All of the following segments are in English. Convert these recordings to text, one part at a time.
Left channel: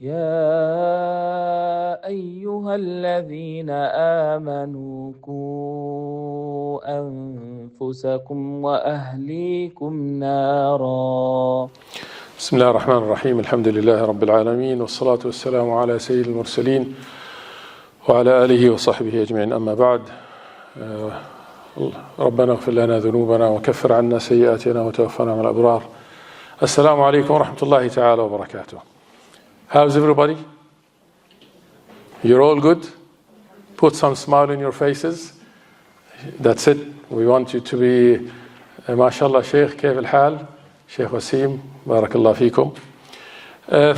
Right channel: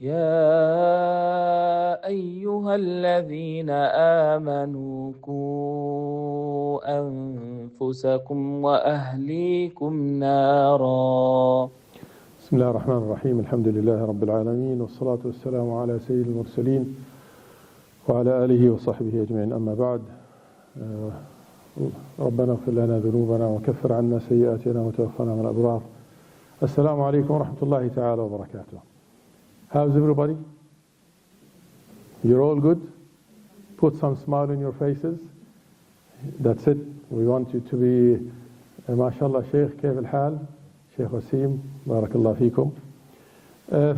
يا أيها الذين آمنوا قوا أنفسكم وأهليكم نارا. بسم الله الرحمن الرحيم. الحمد لله رب العالمين والصلاة والسلام على سيد المرسلين وعلى آله وصحبه أجمعين. أما بعد، ربنا اغفر لنا ذنوبنا وكفر عنا سيئاتنا وتوفنا مع الأبرار. السلام عليكم ورحمة الله تعالى وبركاته. How's everybody? You're all good? Put some smile in your faces. That's it. We want you to be, mashallah, Sheikh, كيف الحال? Sheikh Wasim, barakallah feekum.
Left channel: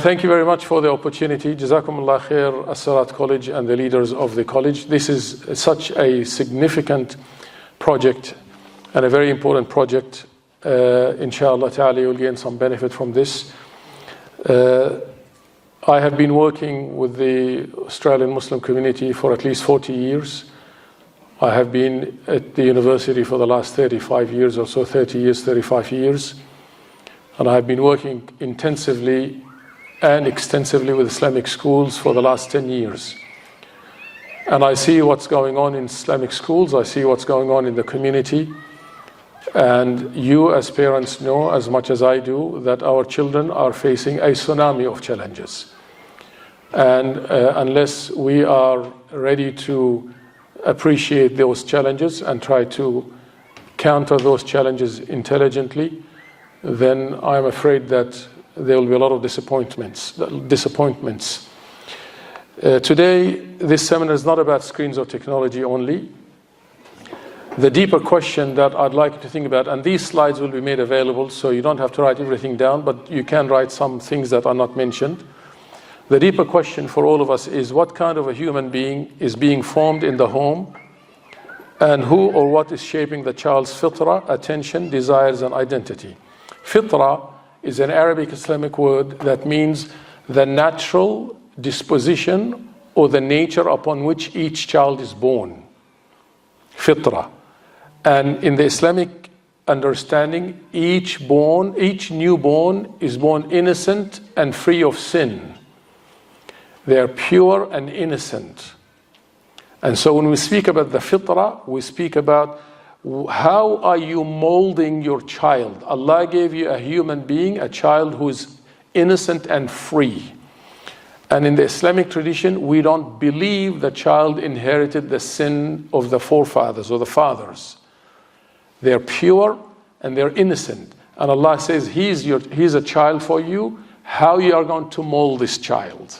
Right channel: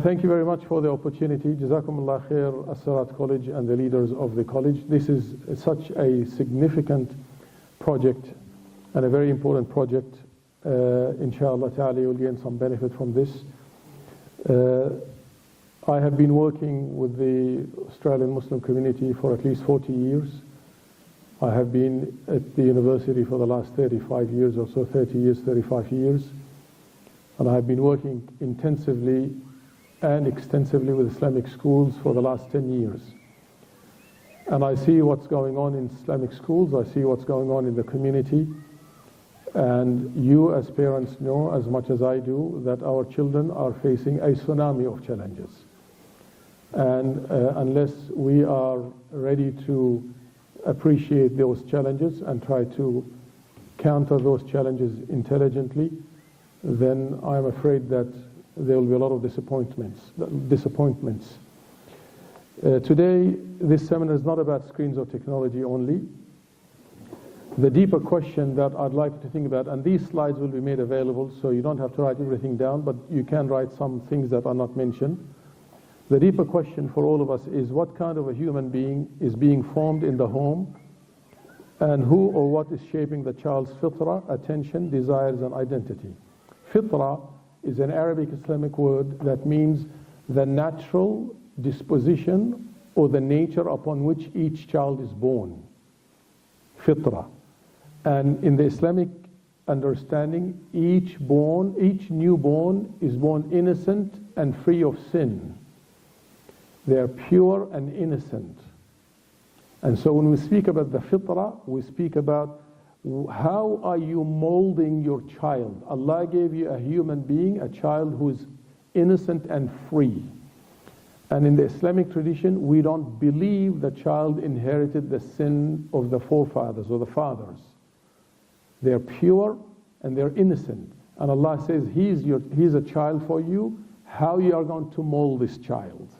Thank you very much for the opportunity. Jazakumullah khair, Siraat College and the leaders of the college. This is such a significant project and a very important project. Inshallah ta'ala, you'll gain some benefit from this. I have been working with the Australian Muslim community for at least 40 years. I have been at the university for the last 35 years or so, 30 years, 35 years. And I have been working intensively and extensively with Islamic schools for the last 10 years. And I see what's going on in Islamic schools, I see what's going on in the community. And you as parents know as much as I do that our children are facing a tsunami of challenges. And unless we are ready to appreciate those challenges and try to counter those challenges intelligently, then I'm afraid that there will be a lot of disappointments. Today, this seminar is not about screens or technology only. The deeper question that I'd like you to think about, and these slides will be made available, so you don't have to write everything down, but you can write some things that are not mentioned. The deeper question for all of us is what kind of a human being is being formed in the home, and who or what is shaping the child's fitrah, attention, desires, and identity. Fitrah is an Arabic Islamic word that means the natural disposition or the nature upon which each child is born. Fitrah. And in the Islamic understanding, each newborn is born innocent and free of sin. They are pure and innocent. And so when we speak about the fitrah, we speak about how are you molding your child? Allah gave you a human being, a child who is innocent and free. And in the Islamic tradition, we don't believe the child inherited the sin of the forefathers or the fathers. They're pure and they're innocent. And Allah says, He's a child for you. How you are going to mold this child?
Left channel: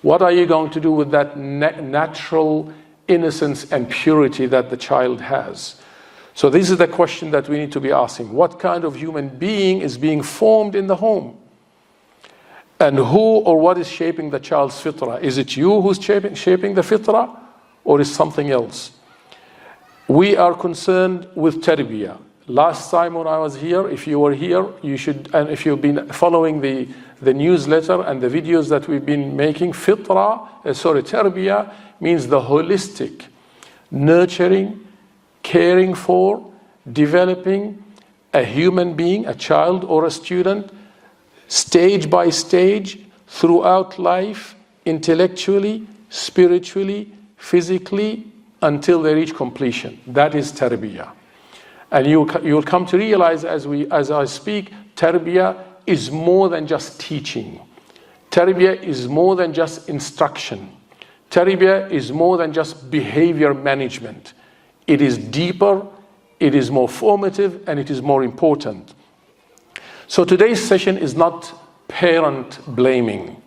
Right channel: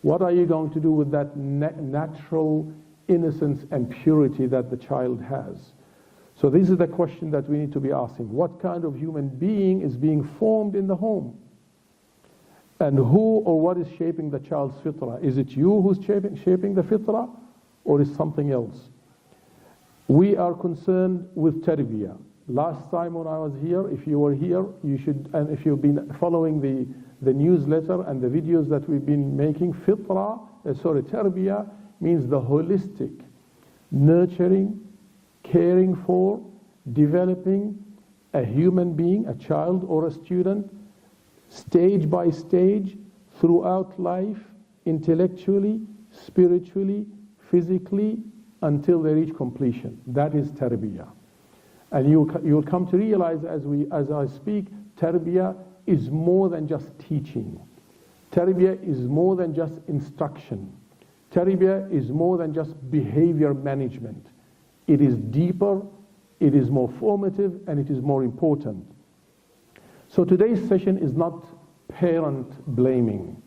What are you going to do with that natural innocence and purity that the child has? So this is the question that we need to be asking. What kind of human being is being formed in the home? And who or what is shaping the child's fitrah? Is it you who's shaping the fitrah, or is something else? We are concerned with tarbiyah. Last time when I was here, if you were here, you should, and if you've been following the newsletter and the videos that we've been making, tarbiyah means the holistic, nurturing, caring for, developing a human being, a child or a student, stage by stage, throughout life, intellectually, spiritually, physically, until they reach completion. That is tarbiyah. And you'll come to realize as I speak, tarbiyah is more than just teaching. Tarbiyah is more than just instruction. Tarbiyah is more than just behavior management. It is deeper, it is more formative, and it is more important. So today's session is not parent blaming,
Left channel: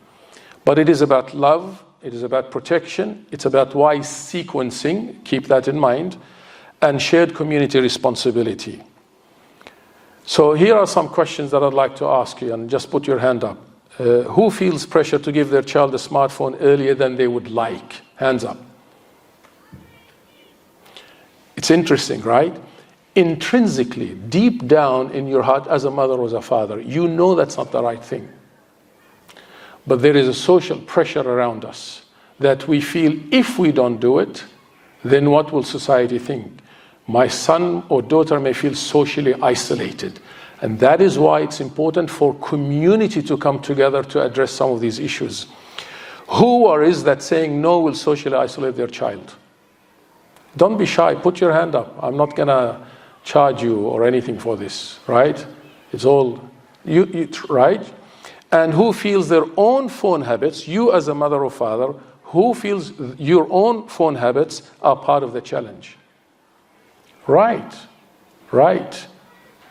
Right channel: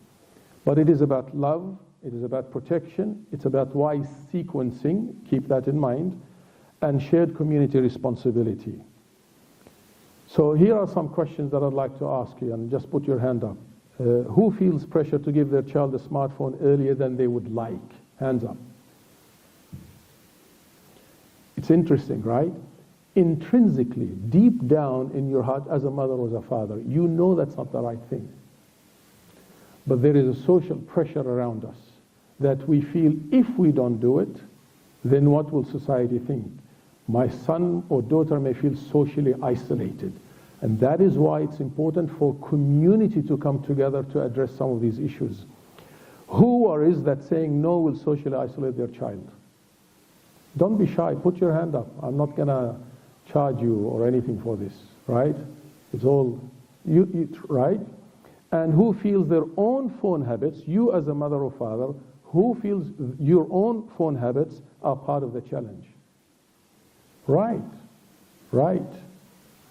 but it is about love, it is about protection, it's about wise sequencing, keep that in mind, and shared community responsibility. So here are some questions that I'd like to ask you, and just put your hand up. Who feels pressure to give their child a smartphone earlier than they would like? Hands up. It's interesting, right? Intrinsically, deep down in your heart, as a mother or as a father, you know that's not the right thing. But there is a social pressure around us that we feel if we don't do it, then what will society think? My son or daughter may feel socially isolated. And that is why it's important for community to come together to address some of these issues. Who or is that saying no will socially isolate their child? Don't be shy, put your hand up. I'm not gonna charge you or anything for this, right? It's all, right? And who feels their own phone habits, you as a mother or father, who feels your own phone habits are part of the challenge? Right, right.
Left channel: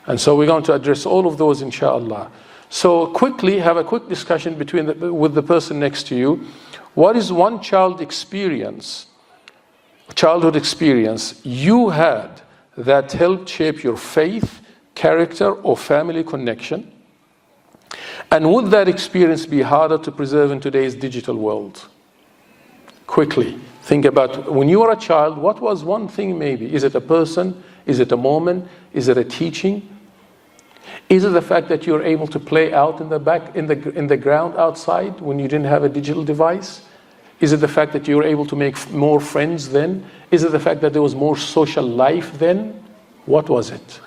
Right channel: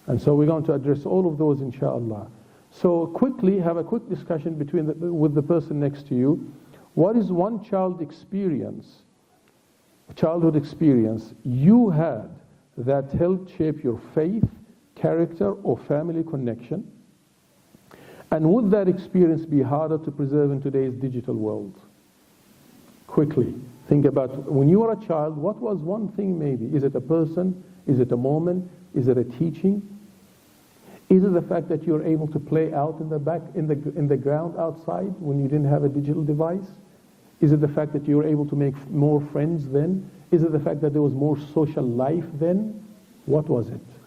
And so we're going to address all of those, inshallah. So quickly, have a quick discussion with the person next to you. What is one childhood experience you had that helped shape your faith, character, or family connection? And would that experience be harder to preserve in today's digital world? Quickly, think about when you were a child, what was one thing maybe? Is it a person? Is it a moment? Is it a teaching? Is it the fact that you're able to play out in the ground outside when you didn't have a digital device? Is it the fact that you were able to make more friends then? Is it the fact that there was more social life then? What was it?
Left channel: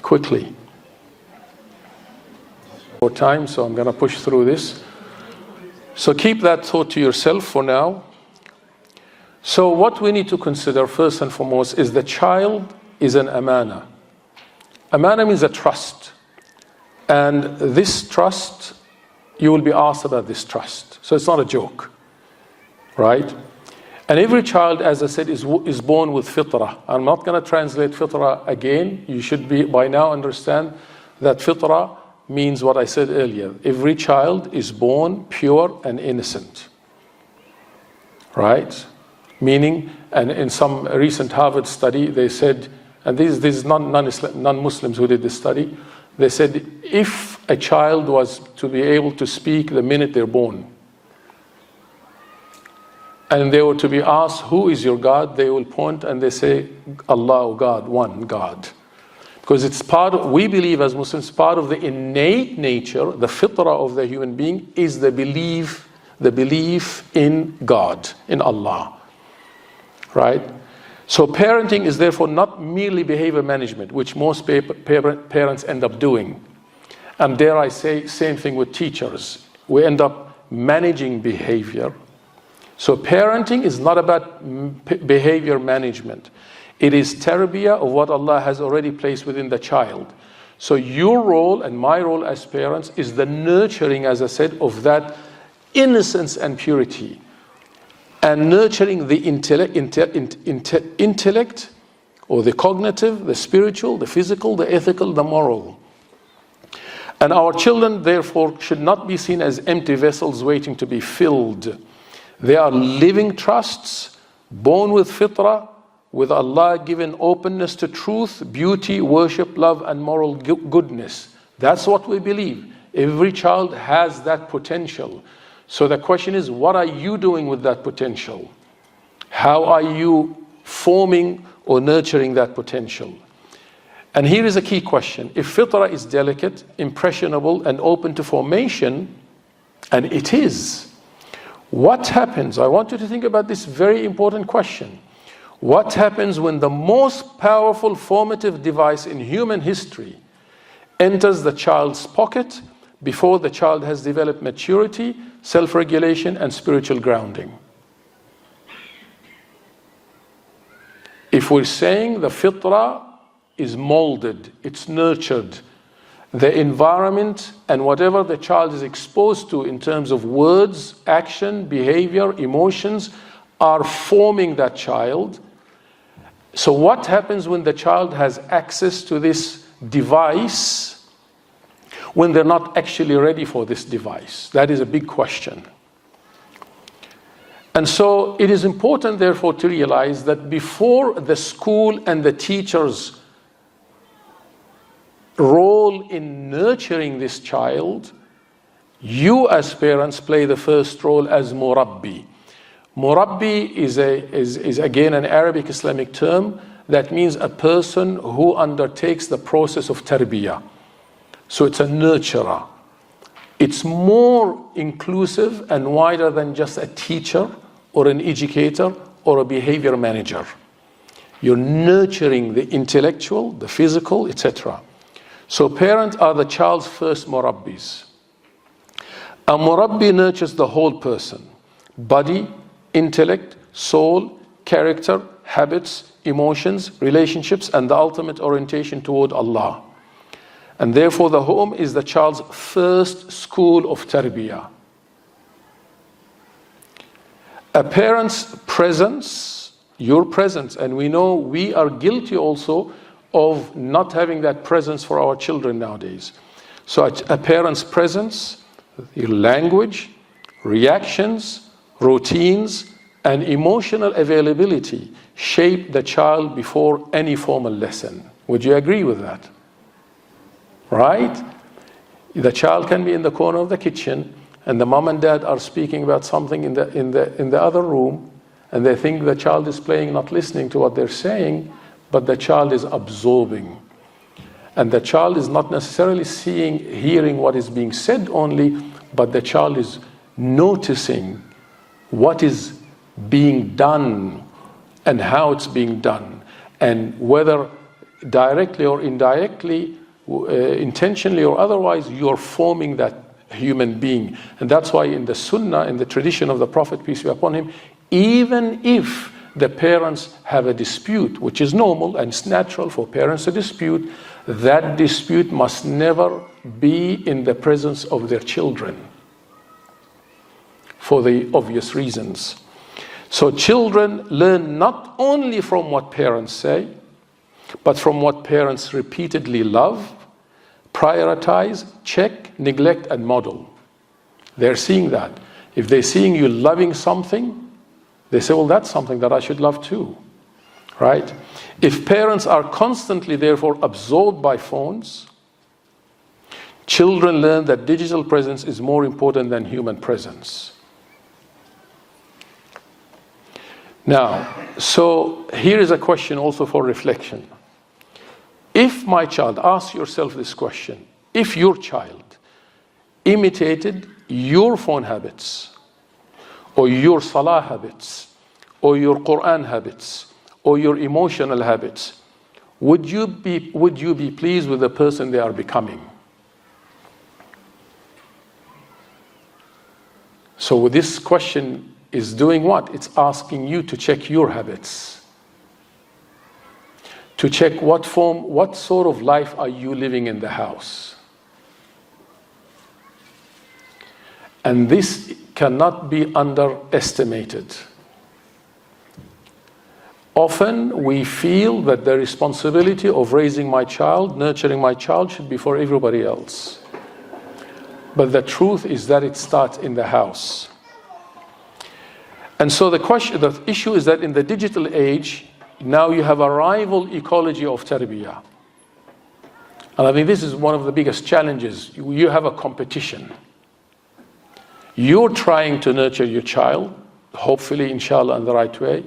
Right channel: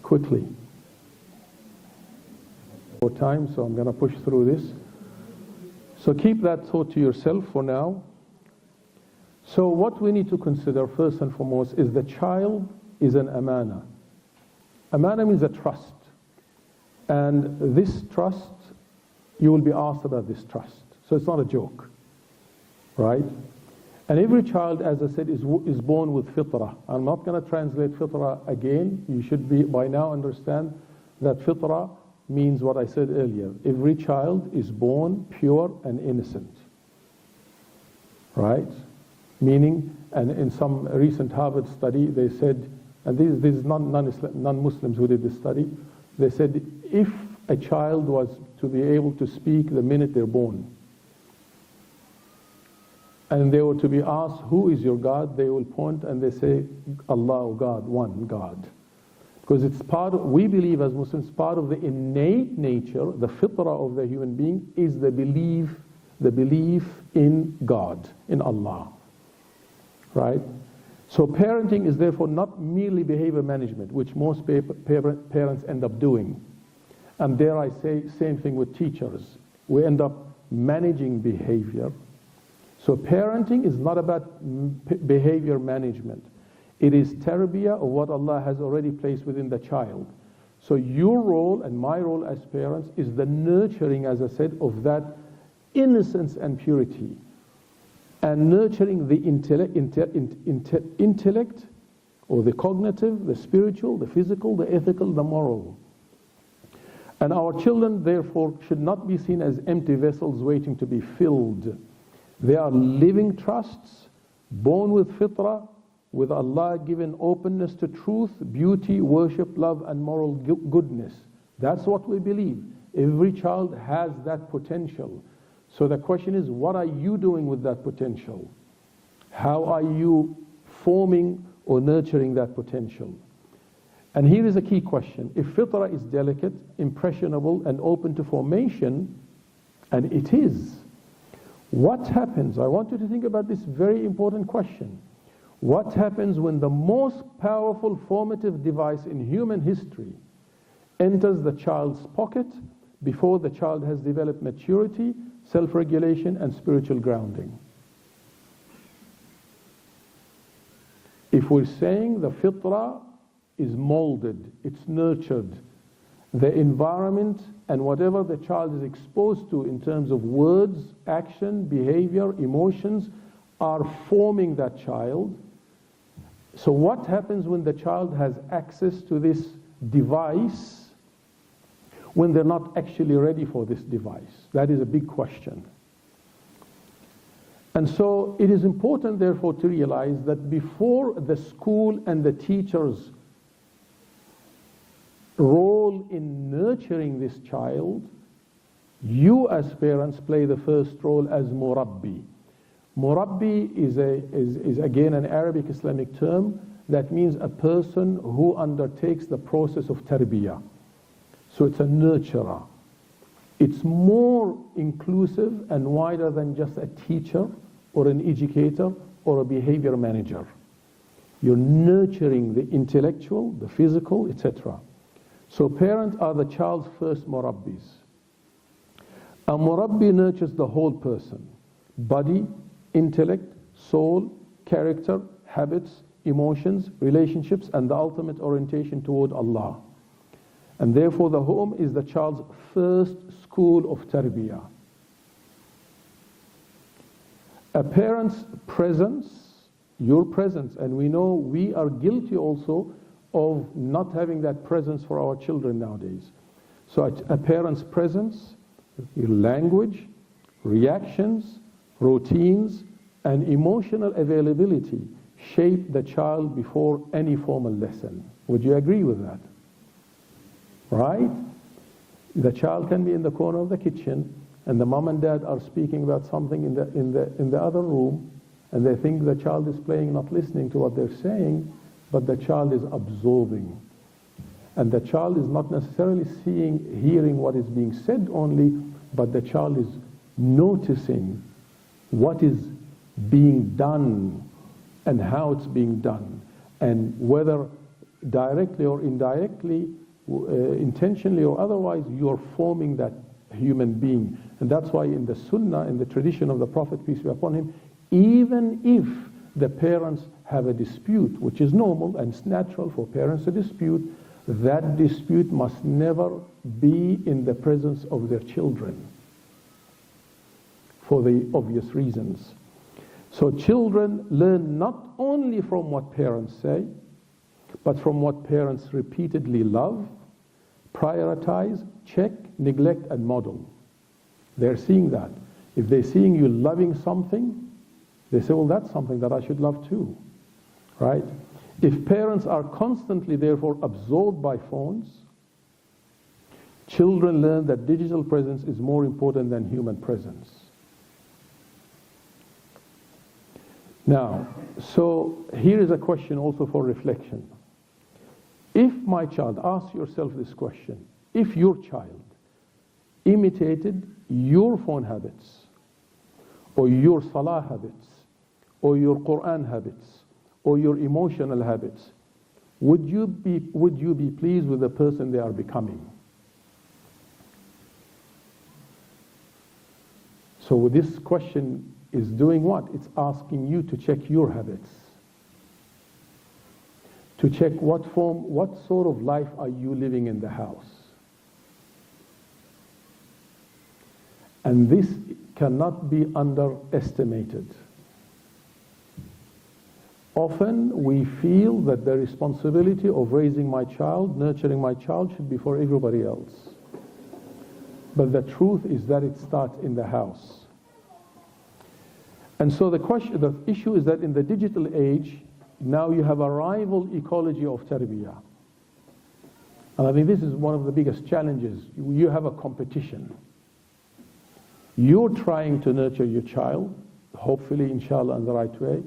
Quickly. More time, so I'm going to push through this. So keep that thought to yourself for now. So what we need to consider first and foremost is the child is an amānah. Amānah means a trust. And this trust, you will be asked about this trust. So it's not a joke, right? And every child, as I said, is born with fitrah. I'm not going to translate fitrah again. You should by now understand that fitrah means what I said earlier. Every child is born pure and innocent, right? Meaning, and in some recent Harvard study, they said, and this is non-Muslims who did this study, they said if a child was to be able to speak the minute they're born, and they were to be asked, who is your God? They will point and they say, Allah, God, one God. Because it's we believe as Muslims, part of the innate nature, the fitrah of the human being is the belief in God, in Allah. Right? So parenting is therefore not merely behavior management, which most parents end up doing. And dare I say, same thing with teachers. We end up managing behavior. So parenting is not about behavior management. It is tarbiyah of what Allah has already placed within the child. So your role and my role as parents is the nurturing, as I said, of that innocence and purity. And nurturing the intellect, or the cognitive, the spiritual, the physical, the ethical, the moral. And our children, therefore, should not be seen as empty vessels waiting to be filled. They are living trusts, born with fitrah, with Allah-given openness to truth, beauty, worship, love, and moral goodness. That's what we believe. Every child has that potential. So the question is, what are you doing with that potential? How are you forming or nurturing that potential? And here is a key question. If fitrah is delicate, impressionable, and open to formation, and it is, what happens? I want you to think about this very important question. What happens when the most powerful formative device in human history enters the child's pocket before the child has developed maturity, self-regulation, and spiritual grounding? If we're saying the fitrah is molded, it's nurtured, the environment and whatever the child is exposed to in terms of words, action, behavior, emotions are forming that child. So what happens when the child has access to this device when they're not actually ready for this device? That is a big question. And so it is important, therefore, to realize that before the school and the teacher's role in nurturing this child, you as parents play the first role as murabbi. Murabbi is again an Arabic Islamic term that means a person who undertakes the process of tarbiyah. So it's a nurturer. It's more inclusive and wider than just a teacher or an educator or a behavior manager. You're nurturing the intellectual, the physical, etc. So parents are the child's first murabbis. A murabbi nurtures the whole person. body, intellect, soul, character, habits, emotions, relationships, and the ultimate orientation toward Allah. And therefore the home is the child's first school of tarbiyah. A parent's presence, your presence, and we know we are guilty also of not having that presence for our children nowadays. So a parent's presence, your language, reactions, routines, and emotional availability shape the child before any formal lesson. Would you agree with that? Right? The child can be in the corner of the kitchen and the mom and dad are speaking about something in the other room, and they think the child is playing, not listening to what they're saying, but the child is absorbing. And the child is not necessarily hearing what is being said only, but the child is noticing what is being done and how it's being done, and whether directly or indirectly, intentionally or otherwise, you're forming that human being. And that's why in the Sunnah, in the tradition of the Prophet, peace be upon him, even if the parents have a dispute, which is normal and it's natural for parents to dispute, that dispute must never be in the presence of their children, for the obvious reasons. So children learn not only from what parents say, but from what parents repeatedly love, prioritize, check, neglect, and model. They're seeing that. If they're seeing you loving something, they say, well, that's something that I should love too, right? If parents are constantly, therefore, absorbed by phones, children learn that digital presence is more important than human presence. Now, so here is a question also for reflection. If my child, ask yourself this question, if your child imitated your phone habits, or your ṣalāh habits, or your Qur'an habits, or your emotional habits, would you be pleased with the person they are becoming? So this question is doing what? It's asking you to check your habits, to check what sort of life are you living in the house. And this cannot be underestimated. Often we feel that the responsibility of raising my child, nurturing my child, should be for everybody else. But the truth is that it starts in the house. And so the issue is that in the digital age, now you have a rival ecology of tarbiyah. And I think this is one of the biggest challenges. You have a competition. You're trying to nurture your child, hopefully, inshallah, in the right way.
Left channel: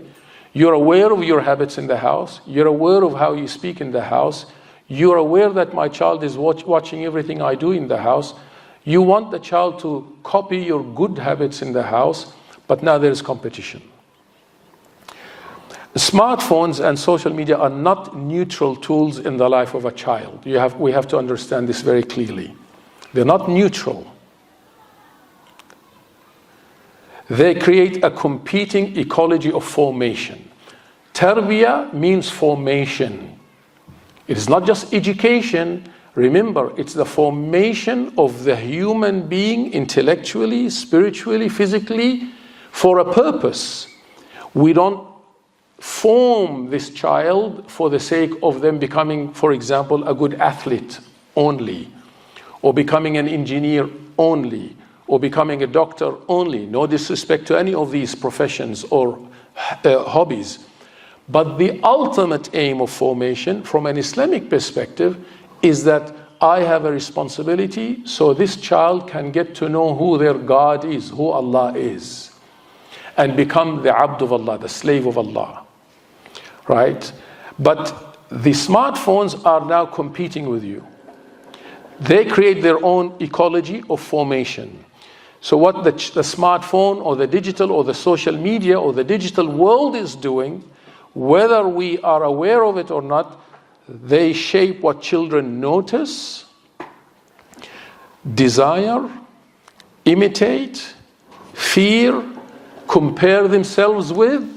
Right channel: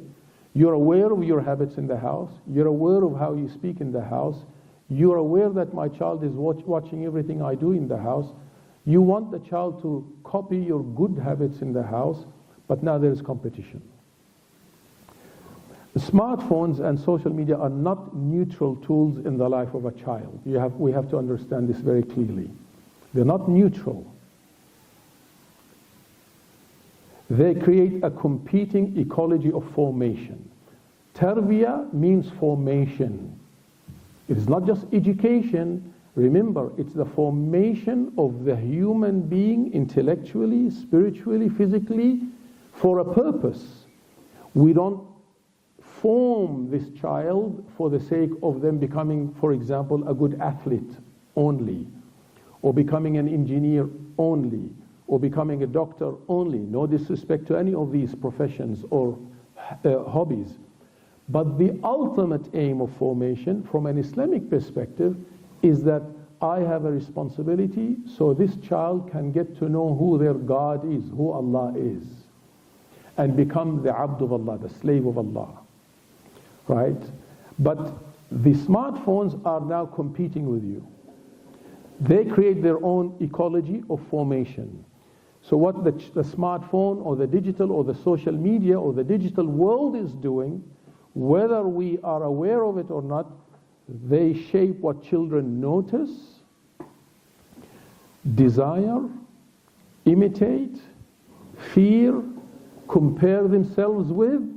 You're aware of your habits in the house. You're aware of how you speak in the house. You're aware that my child is watching everything I do in the house. You want the child to copy your good habits in the house, but now there is competition. Smartphones and social media are not neutral tools in the life of a child. We have to understand this very clearly. They're not neutral. They create a competing ecology of formation. Tarbiyah means formation. It is not just education. Remember, it's the formation of the human being intellectually, spiritually, physically, for a purpose. We don't form this child for the sake of them becoming, for example, a good athlete only, or becoming an engineer only, or becoming a doctor only. No disrespect to any of these professions or hobbies. But the ultimate aim of formation from an Islamic perspective is that I have a responsibility so this child can get to know who their God is, who Allah is, and become the abd of Allah, the slave of Allah, right? But the smartphones are now competing with you. They create their own ecology of formation. So what the smartphone or the digital or the social media or the digital world is doing, whether we are aware of it or not, they shape what children notice, desire, imitate, fear, compare themselves with,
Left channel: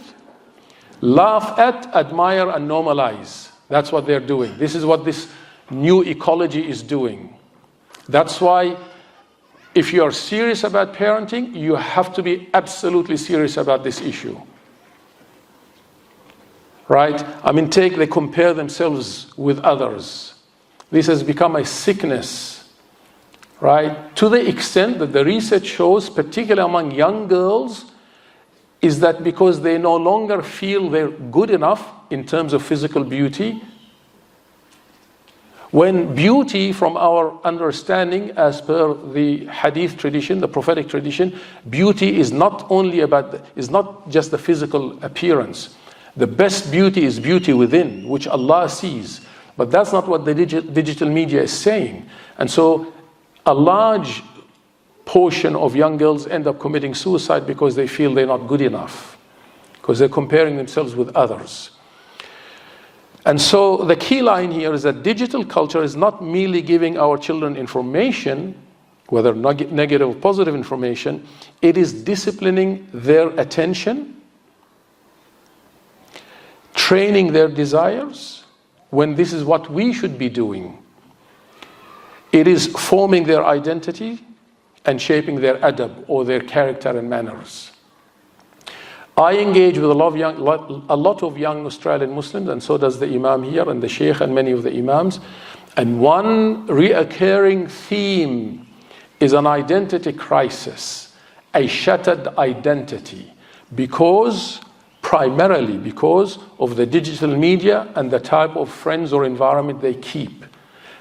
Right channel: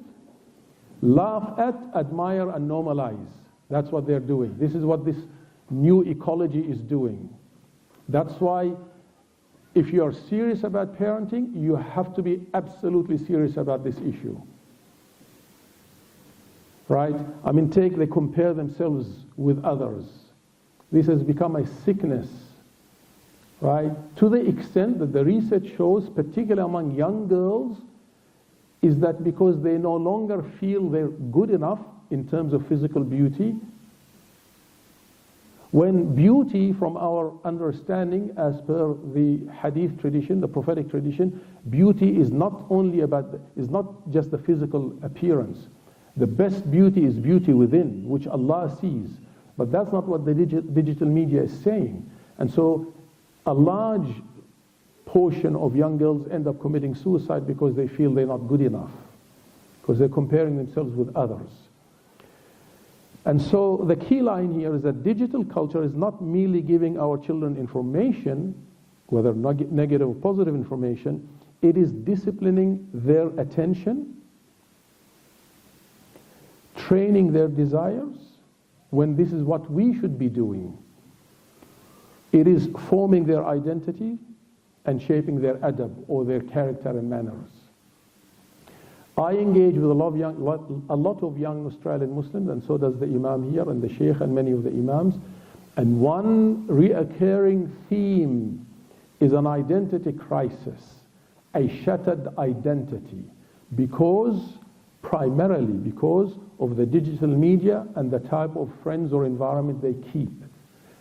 laugh at, admire, and normalize. That's what they're doing. This is what this new ecology is doing. That's why if you are serious about parenting, you have to be absolutely serious about this issue. Right? I mean, they compare themselves with others. This has become a sickness, right? To the extent that the research shows, particularly among young girls, is that because they no longer feel they're good enough in terms of physical beauty, when beauty, from our understanding, as per the hadith tradition, the prophetic tradition, beauty is not just the physical appearance. The best beauty is beauty within, which Allah sees. But that's not what the digital media is saying. And so a large portion of young girls end up committing suicide because they feel they're not good enough, because they're comparing themselves with others. And so the key line here is that digital culture is not merely giving our children information, whether negative or positive information, it is disciplining their attention, training their desires, when this is what we should be doing. It is forming their identity and shaping their adab, or their character and manners. I engage with a lot of young Australian Muslims, and so does the Imam here and the Sheikh and many of the Imams. And one reoccurring theme is an identity crisis, a shattered identity, primarily because of the digital media and the type of friends or environment they keep.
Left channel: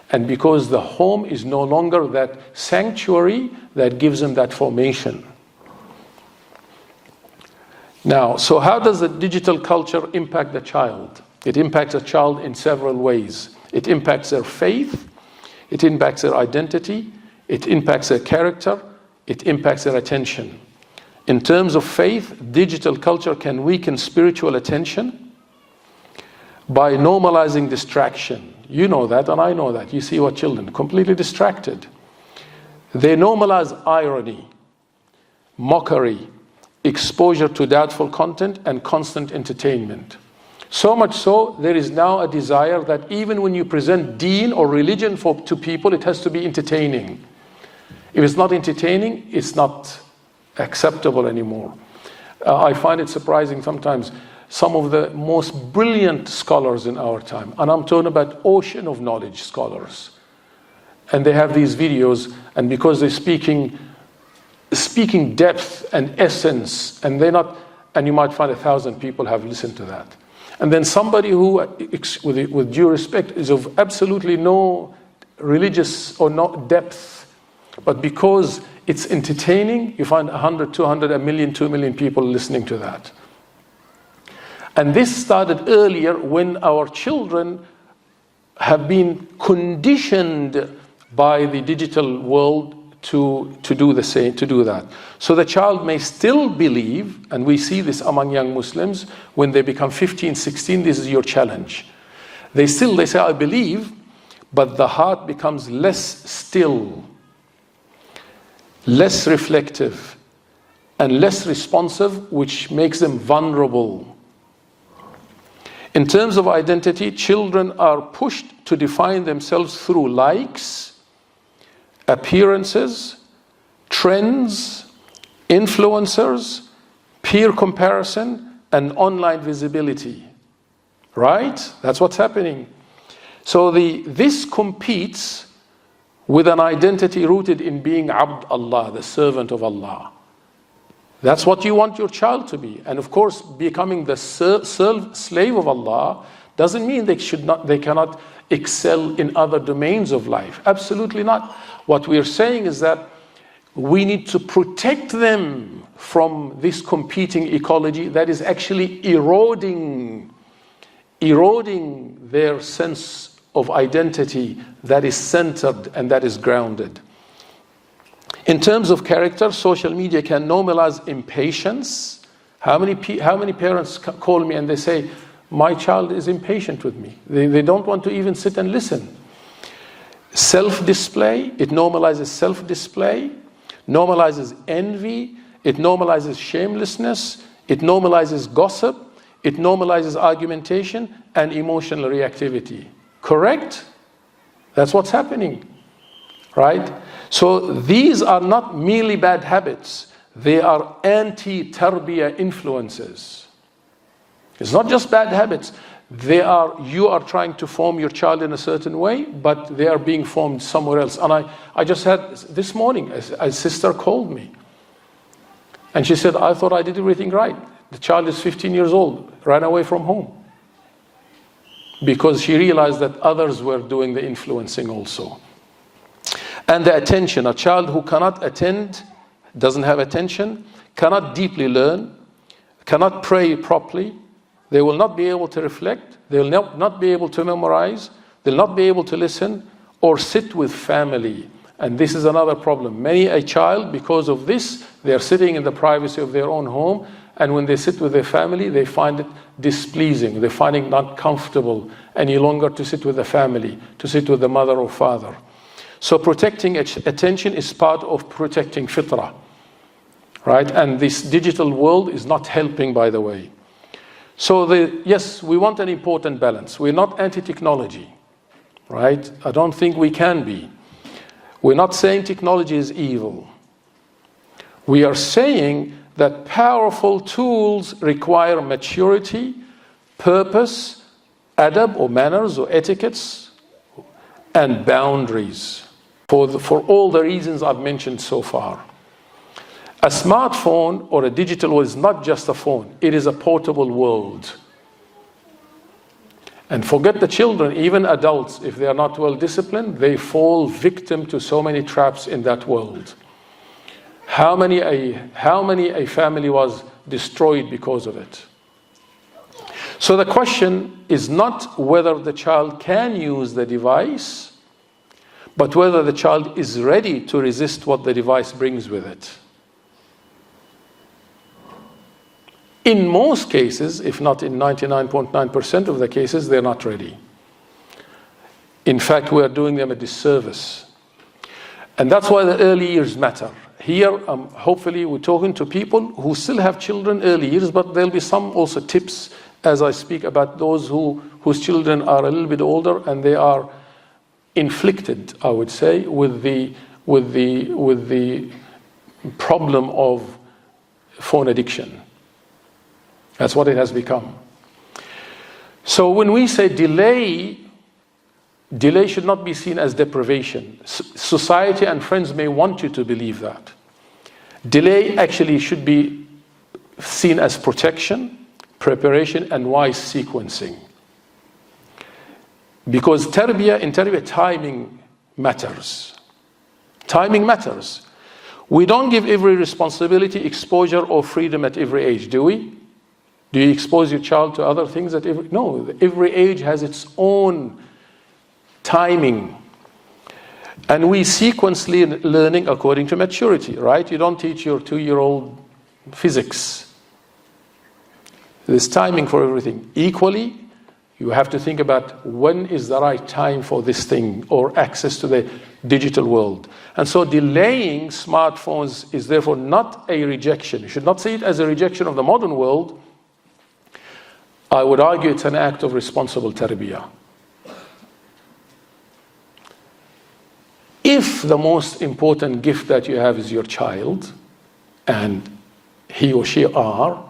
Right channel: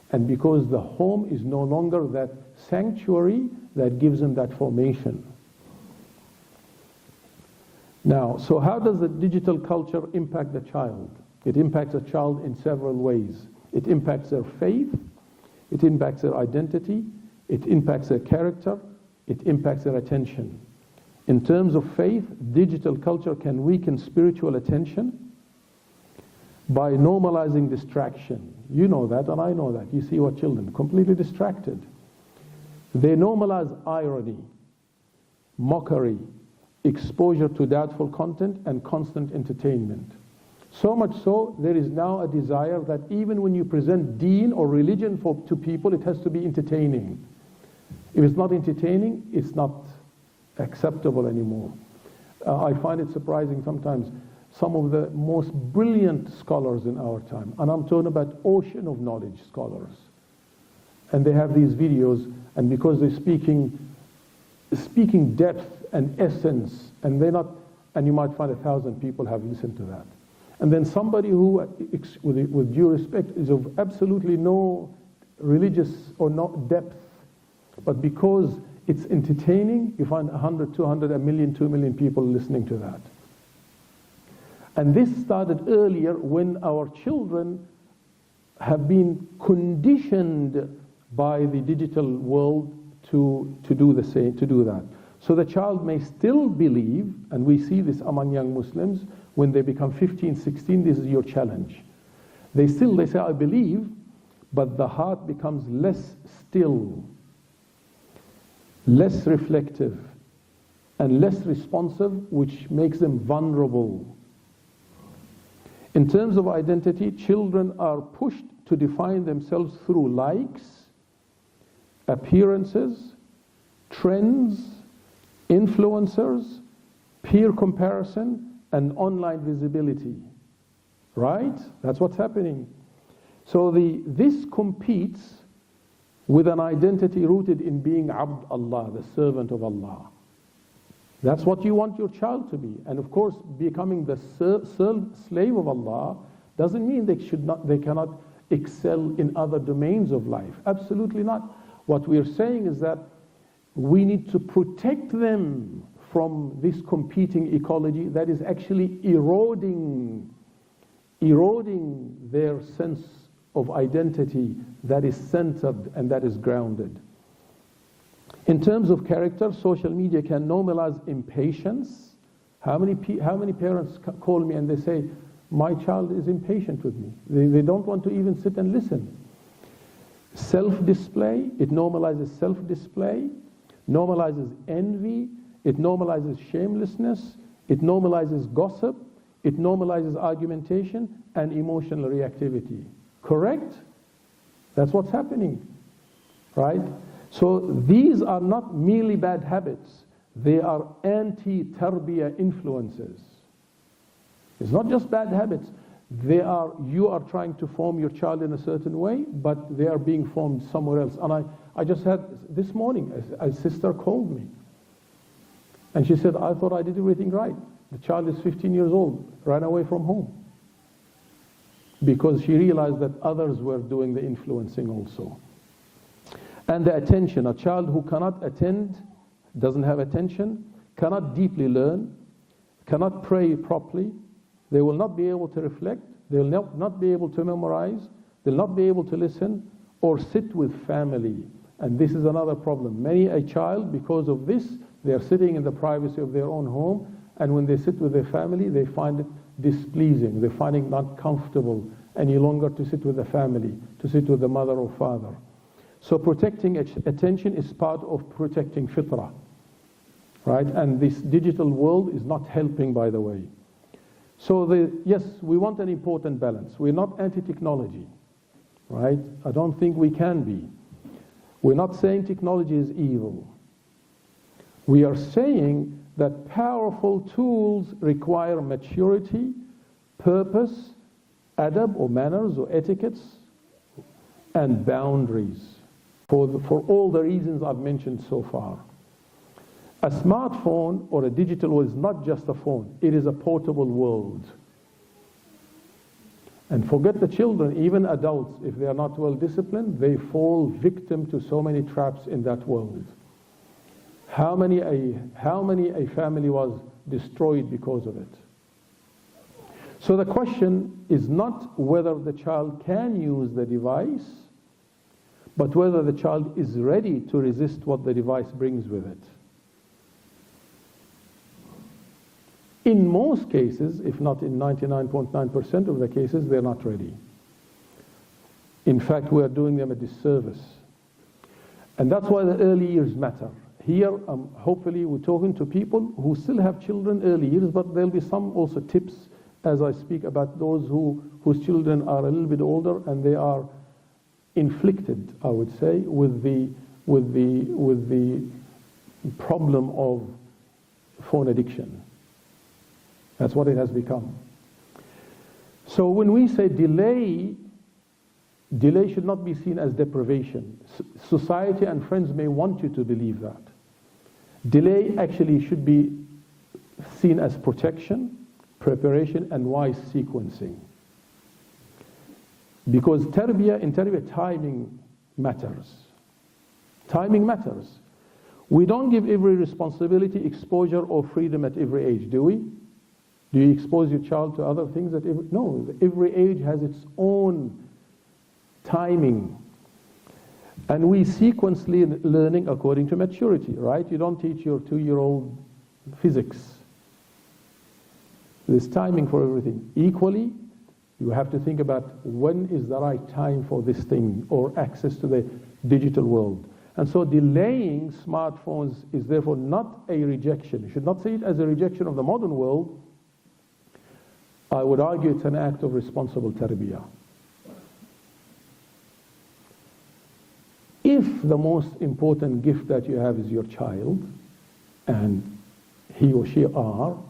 And because the home is no longer that sanctuary that gives them that formation. Now, so how does the digital culture impact the child? It impacts a child in several ways. It impacts their faith, it impacts their identity, it impacts their character, it impacts their attention. In terms of faith, digital culture can weaken spiritual attention by normalizing distraction. You know that, and I know that. You see what children, completely distracted. They normalize irony, mockery, exposure to doubtful content, and constant entertainment. So much so, there is now a desire that even when you present deen or religion to people, it has to be entertaining. If it's not entertaining, it's not acceptable anymore. I find it surprising sometimes, some of the most brilliant scholars in our time, and I'm talking about ocean of knowledge scholars, and they have these videos, and because they're speaking depth and essence, and you might find 1,000 people have listened to that. And then somebody who, with due respect, is of absolutely no religious or no depth, but because it's entertaining, you find 100, 200, 1 million, 2 million people listening to that. And this started earlier when our children have been conditioned by the digital world to do the same, to do that. So the child may still believe, and we see this among young Muslims, when they become 15, 16, this is your challenge. They say, I believe, but the heart becomes less still, less reflective, and less responsive, which makes them vulnerable. In terms of identity, children are pushed to define themselves through likes, appearances, trends, influencers, peer comparison, and online visibility. Right? That's what's happening. So this competes with an identity rooted in being Abd Allah, the servant of Allah. That's what you want your child to be. And of course, becoming the slave of Allah doesn't mean they cannot excel in other domains of life. Absolutely not. What we're saying is that we need to protect them from this competing ecology that is actually eroding their sense of identity that is centered and that is grounded. In terms of character, social media can normalize impatience. How many parents call me and they say, my child is impatient with me. They don't want to even sit and listen. Self-display, it normalizes self-display, normalizes envy, it normalizes shamelessness, it normalizes gossip, it normalizes argumentation and emotional reactivity. Correct? That's what's happening, right? So these are not merely bad habits, they are anti-tarbiyah influences. It's not just bad habits. You are trying to form your child in a certain way, but they are being formed somewhere else. And I just had, this morning, a sister called me. And she said, I thought I did everything right. The child is 15 years old, ran away from home. Because she realized that others were doing the influencing also. And the attention, a child who cannot attend, doesn't have attention, cannot deeply learn, cannot pray properly, they will not be able to reflect, they will not be able to memorize, they'll not be able to listen or sit with family. And this is another problem. Many a child, because of this, they are sitting in the privacy of their own home, and when they sit with their family, they find it displeasing, they find it not comfortable any longer to sit with the family, to sit with the mother or father. So protecting attention is part of protecting fitrah, right? And this digital world is not helping, by the way. So yes, we want an important balance. We're not anti-technology, right? I don't think we can be. We're not saying technology is evil. We are saying that powerful tools require maturity, purpose, adab or manners or etiquettes, and boundaries for all the reasons I've mentioned so far. A smartphone or a digital world is not just a phone, it is a portable world. And forget the children, even adults, if they are not well disciplined, they fall victim to so many traps in that world. How many a family was destroyed because of it? So the question is not whether the child can use the device, but whether the child is ready to resist what the device brings with it. In most cases, if not in 99.9% of the cases, they're not ready. In fact, we are doing them a disservice. And that's why the early years matter. Here, hopefully, we're talking to people who still have children early years, but there'll be some also tips as I speak about those whose children are a little bit older and they are inflicted, I would say, with the problem of phone addiction. That's what it has become. So when we say delay should not be seen as deprivation. Society and friends may want you to believe that. Delay actually should be seen as protection, preparation, and wise sequencing. Because in tarbiyah, timing matters. Timing matters. We don't give every responsibility, exposure, or freedom at every age, do we? Do you expose your child to other things at every? No, every age has its own timing. And we sequence learning according to maturity, right? You don't teach your 2-year-old physics. There's timing for everything. Equally, you have to think about when is the right time for this thing or access to the digital world. And so delaying smartphones is therefore not a rejection. You should not see it as a rejection of the modern world. I would argue it's an act of responsible tarbiyah. If the most important gift that you have is your child, and he or she are,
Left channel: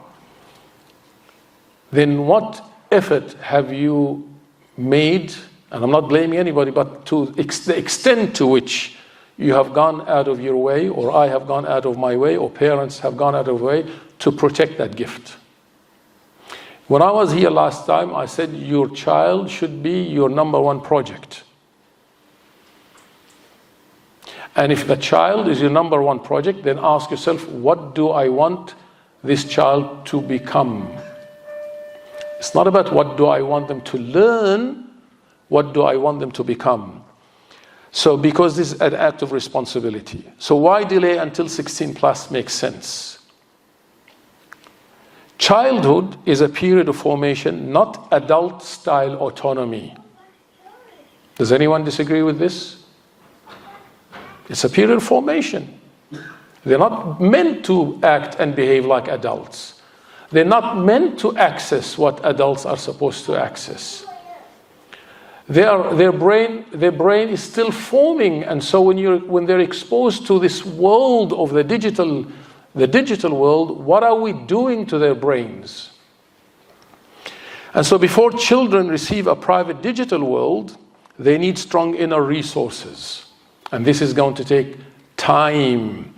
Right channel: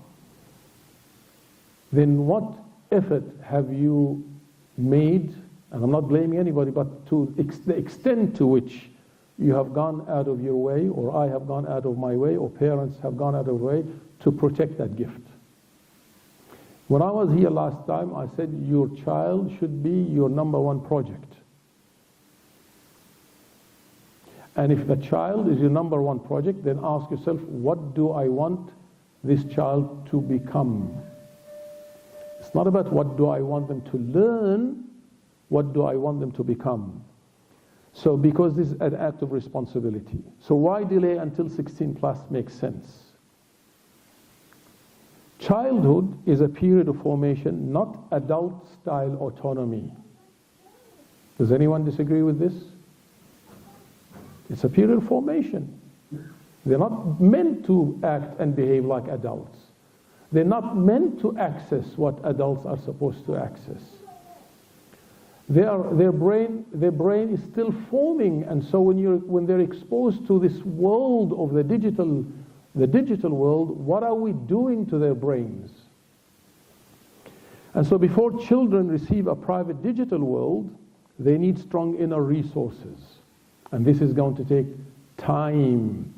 then what effort have you made, and I'm not blaming anybody, but to the extent to which you have gone out of your way, or I have gone out of my way, or parents have gone out of their way to protect that gift. When I was here last time, I said your child should be your number one project. And if the child is your number one project, then ask yourself, what do I want this child to become? It's not about what do I want them to learn, what do I want them to become? So because this is an act of responsibility. So why delay until 16 plus makes sense? Childhood is a period of formation, not adult-style autonomy. Does anyone disagree with this? It's a period of formation. They're not meant to act and behave like adults. They're not meant to access what adults are supposed to access. Their brain is still forming, and so when they're exposed to this world of the digital world, what are we doing to their brains? And so before children receive a private digital world, they need strong inner resources. And this is going to take time.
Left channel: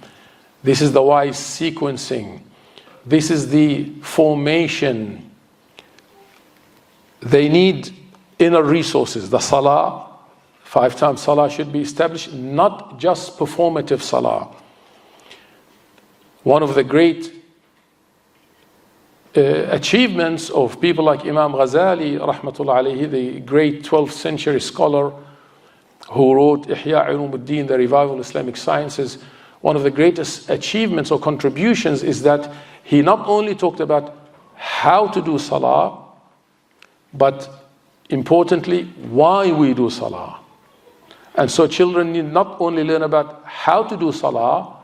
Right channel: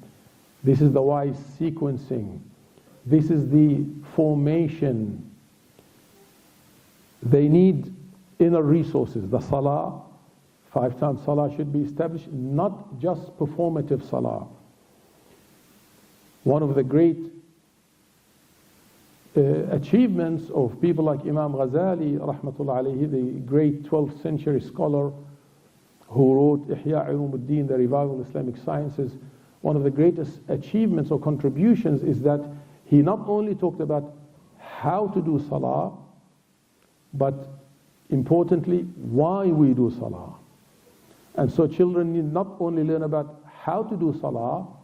This is the wise sequencing. This is the formation. They need inner resources. The ṣalāh, 5 times ṣalāh should be established, not just performative ṣalāh. One of the great achievements of people like Imam Ghazali, rahmatullah alayhi, the great 12th century scholar who wrote Ihya Ulumuddin, the revival of Islamic sciences, one of the greatest achievements or contributions is that he not only talked about how to do salah, but importantly, why we do salah. And so children need not only learn about how to do salah,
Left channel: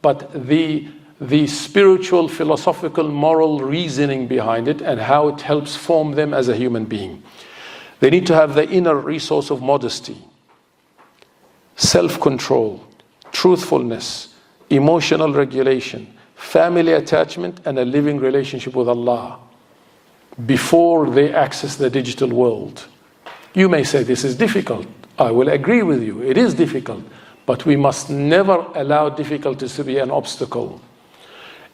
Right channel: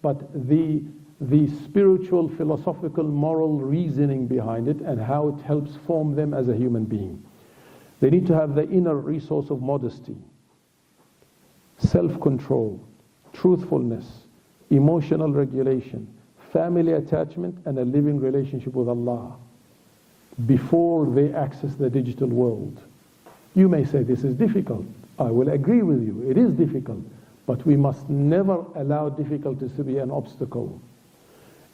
but the spiritual, philosophical, moral reasoning behind it and how it helps form them as a human being. They need to have the inner resource of modesty, self-control, truthfulness, emotional regulation, family attachment, and a living relationship with Allah before they access the digital world. You may say this is difficult. I will agree with you. It is difficult, but we must never allow difficulties to be an obstacle.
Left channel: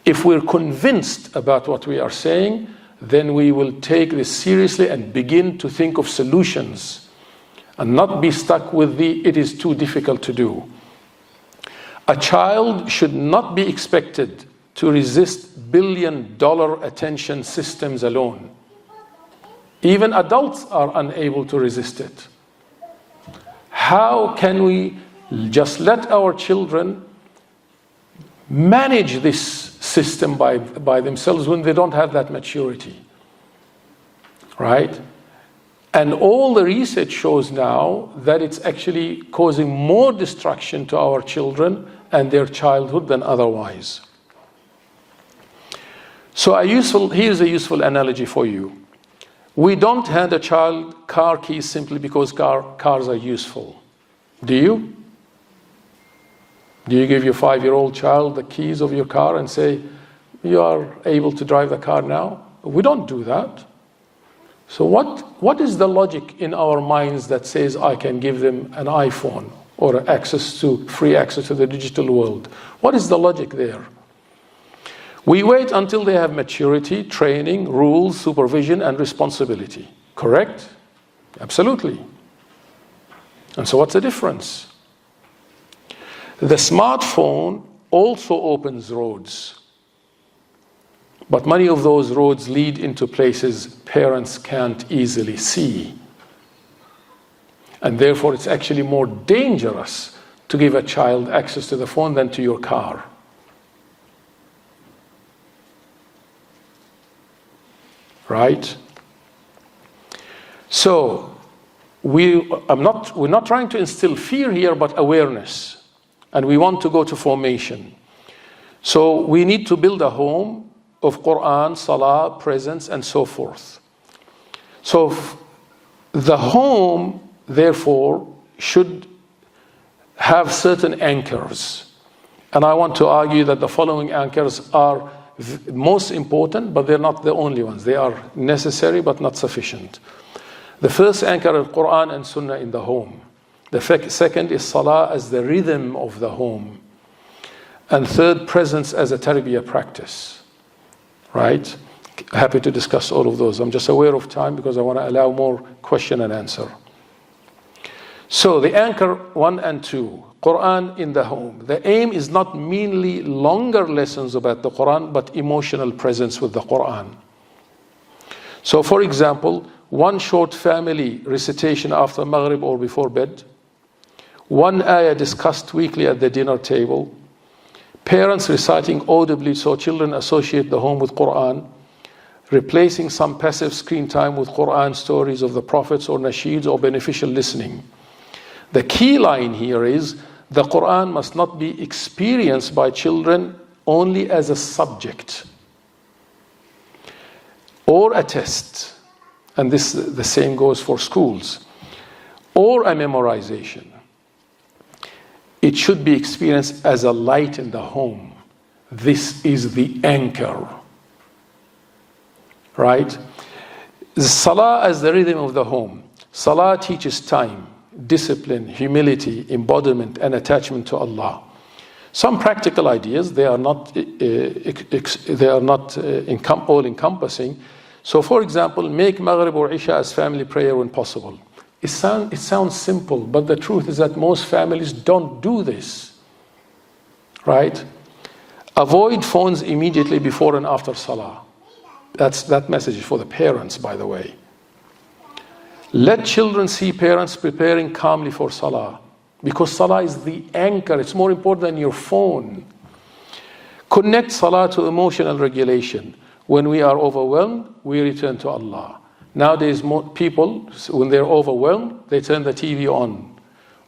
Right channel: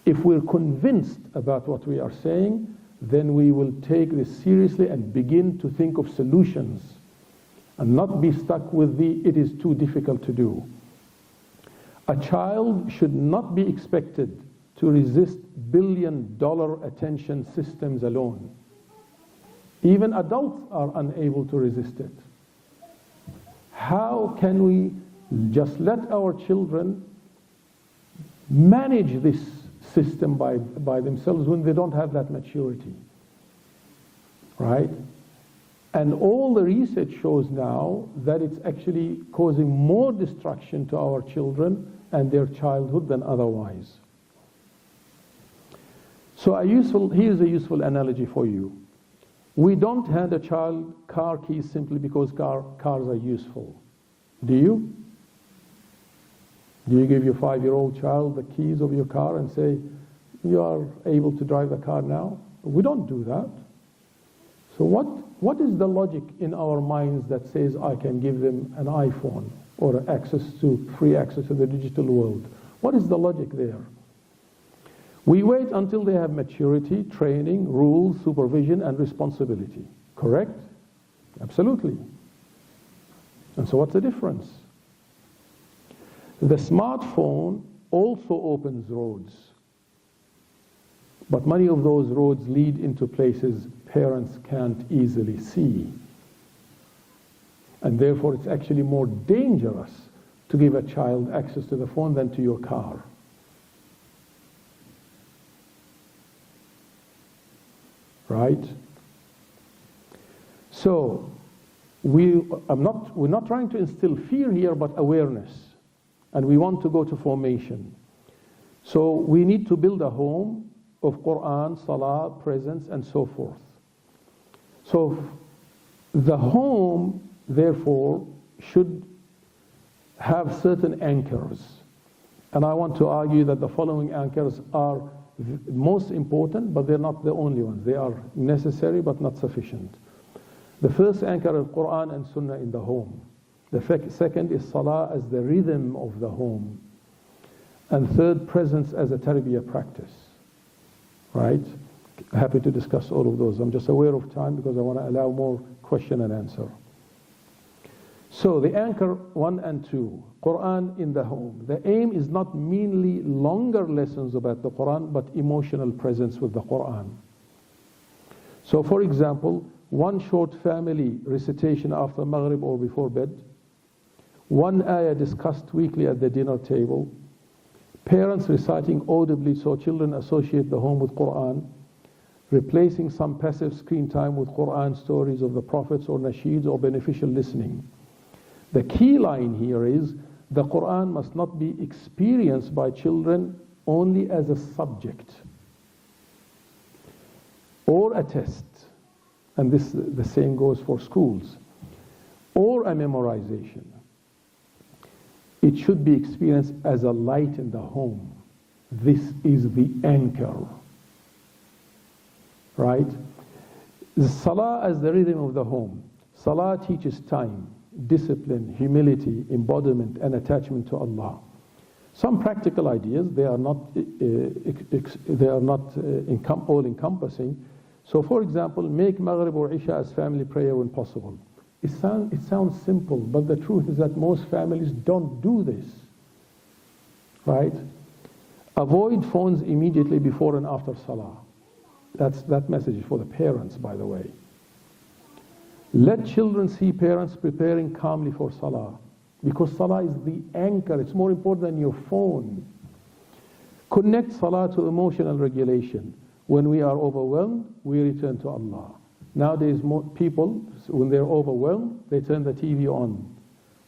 If we're convinced about what we are saying, then we will take this seriously and begin to think of solutions and not be stuck with it is too difficult to do. A child should not be expected to resist billion-dollar attention systems alone. Even adults are unable to resist it. How can we just let our children manage this system by themselves when they don't have that maturity? Right? And all the research shows now that it's actually causing more destruction to our children and their childhood than otherwise. So here's a useful analogy for you. We don't hand a child car keys simply because cars are useful. Do you? Do you give your 5-year-old child the keys of your car and say, you are able to drive the car now? We don't do that. So what is the logic in our minds that says I can give them an iPhone or free access to the digital world? What is the logic there? We wait until they have maturity, training, rules, supervision, and responsibility. Correct? Absolutely. And so what's the difference? The smartphone also opens roads. But many of those roads lead into places parents can't easily see. And therefore it's actually more dangerous to give a child access to the phone than to your car. Right? So we're not trying to instill fear here, but awareness. And we want to go to formation. So we need to build a home of Qur'an, ṣalāh, presence, and so forth. So the home, therefore, should have certain anchors. And I want to argue that the following anchors are most important, but they're not the only ones. They are necessary, but not sufficient. The first anchor is Qur'an and Sunnah in the home. The second is Salah as the rhythm of the home. And third, presence as a tarbiyah practice. Right? Happy to discuss all of those. I'm just aware of time because I want to allow more question and answer. So the anchor 1 and 2, Qur'an in the home. The aim is not merely longer lessons about the Qur'an, but emotional presence with the Qur'an. So for example, one short family recitation after Maghrib or before bed, one ayah discussed weekly at the dinner table, parents reciting audibly so children associate the home with Qur'an, replacing some passive screen time with Qur'an stories of the prophets or nasheeds or beneficial listening. The key line here is the Qur'an must not be experienced by children only as a subject or a test, and this the same goes for schools, or a memorization. It should be experienced as a light in the home. This is the anchor, right? The Salah as the rhythm of the home. Salah teaches time, discipline, humility, embodiment, and attachment to Allah. Some practical ideas, they are not all-encompassing. So for example, make Maghrib or Isha as family prayer when possible. It sounds simple, but the truth is that most families don't do this, right? Avoid phones immediately before and after Salah. That message is for the parents, by the way. Let children see parents preparing calmly for Salah, because Salah is the anchor. It's more important than your phone. Connect Salah to emotional regulation. When we are overwhelmed, we return to Allah. Nowadays, people, when they're overwhelmed, they turn the TV on.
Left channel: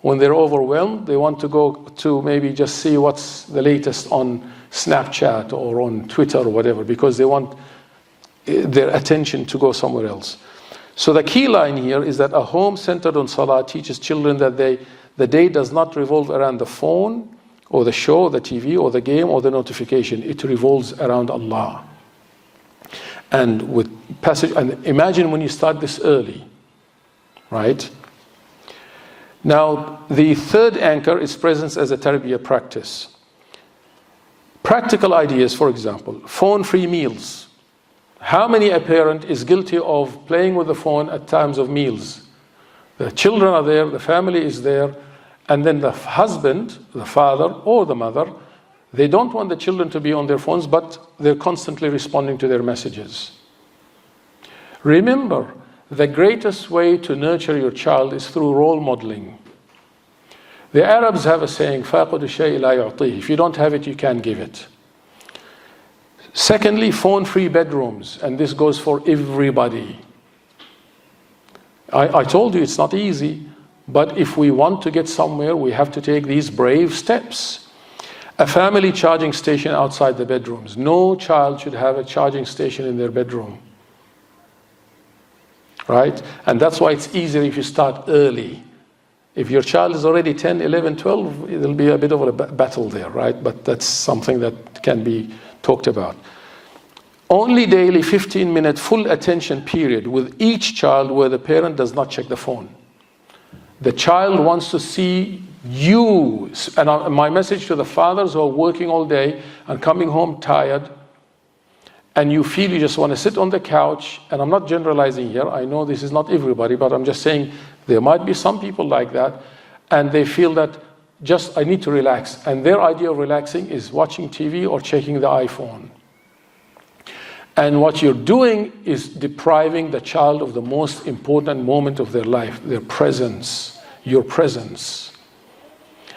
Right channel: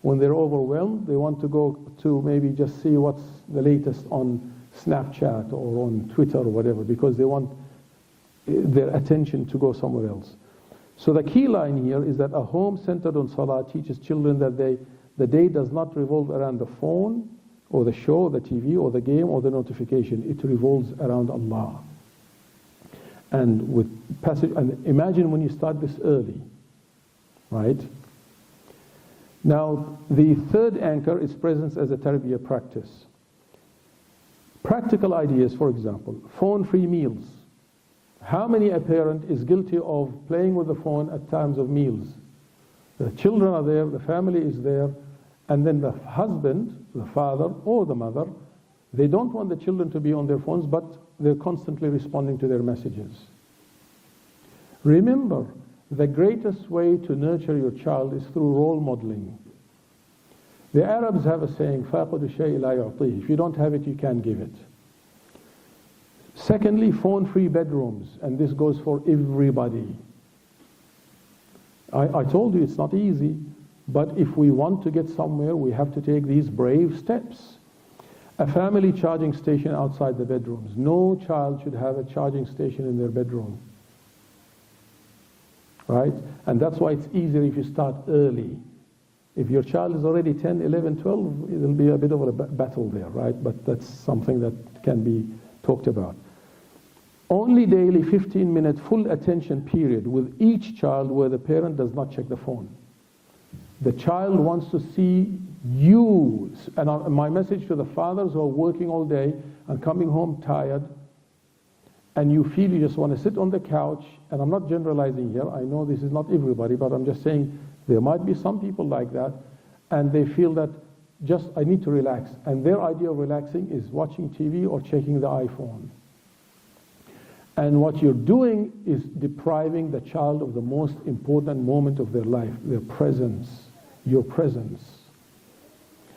When they're overwhelmed, they want to go to maybe just see what's the latest on Snapchat or on Twitter or whatever, because they want their attention to go somewhere else. So the key line here is that a home centered on Salah teaches children that the day does not revolve around the phone or the show, the TV or the game or the notification. It revolves around Allah. And imagine when you start this early, right? Now, the third anchor is presence as a tarbiyah practice. Practical ideas, for example, phone-free meals. How many a parent is guilty of playing with the phone at times of meals? The children are there, the family is there, and then the husband, the father or the mother, they don't want the children to be on their phones, but they're constantly responding to their messages. Remember, the greatest way to nurture your child is through role modeling. The Arabs have a saying, فَاقُدُ الشَّيْءِ لَا يُعْطِيهِ. If you don't have it, you can't give it. Secondly, phone-free bedrooms, and this goes for everybody. I told you it's not easy, but if we want to get somewhere, we have to take these brave steps. A family charging station outside the bedrooms. No child should have a charging station in their bedroom. Right? And that's why it's easier if you start early. If your child is already 10, 11, 12, it'll be a bit of a battle there, right? But that's something that can be talked about. Only daily 15-minute full attention period with each child where the parent does not check the phone. The child wants to see you. And my message to the fathers who are working all day and coming home tired, and you feel you just want to sit on the couch, and I'm not generalizing here, I know this is not everybody, but I'm just saying there might be some people like that, and they feel that I need to relax. And their idea of relaxing is watching TV or checking the iPhone. And what you're doing is depriving the child of the most important moment of their life, their presence, your presence.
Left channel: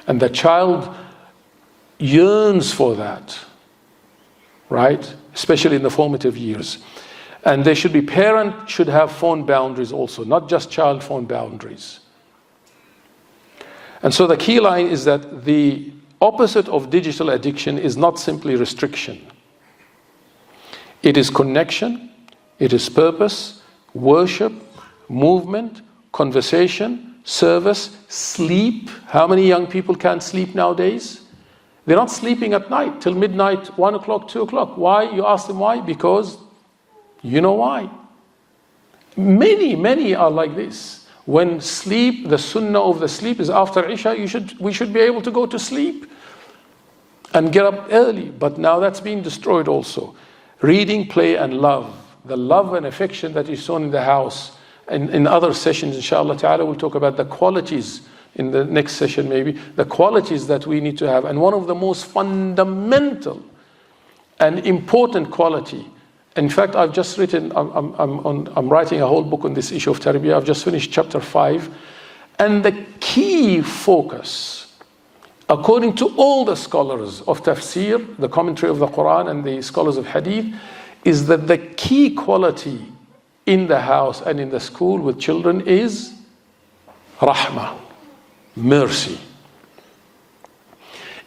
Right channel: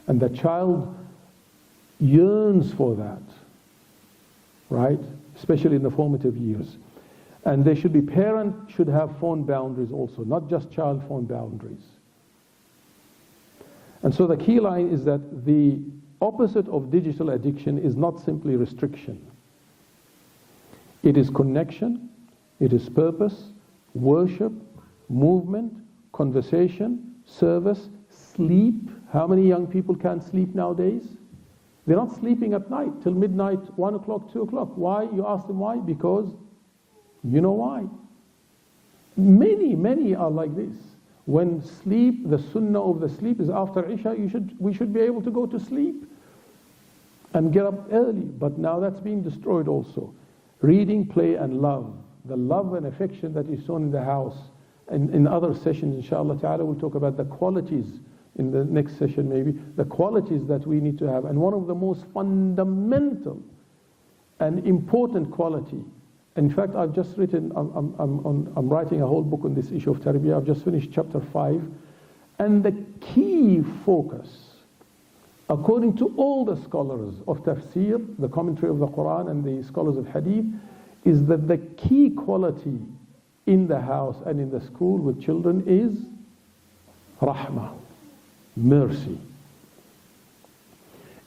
And the child yearns for that, right? Especially in the formative years. And parent should have phone boundaries also, not just child phone boundaries. And so the key line is that the opposite of digital addiction is not simply restriction. It is connection, it is purpose, worship, movement, conversation, service, sleep. How many young people can't sleep nowadays? They're not sleeping at night till midnight, 1 o'clock, 2 o'clock. Why? You ask them why? Because you know why. Many are like this. When sleep, the sunnah of the sleep is after Isha, we should be able to go to sleep and get up early. But now that's being destroyed also. Reading, play, and love. The love and affection that is shown in the house. And in other sessions, inshallah ta'ala, we'll talk about the qualities in the next session maybe, the qualities that we need to have. And one of the most fundamental and important quality, in fact, I've just written, I'm writing a whole book on this issue of tarbiyah. I've just finished chapter 5. And the key focus, according to all the scholars of tafsir, the commentary of the Qur'an and the scholars of hadith, is that the key quality in the house and in the school with children is rahmah, mercy.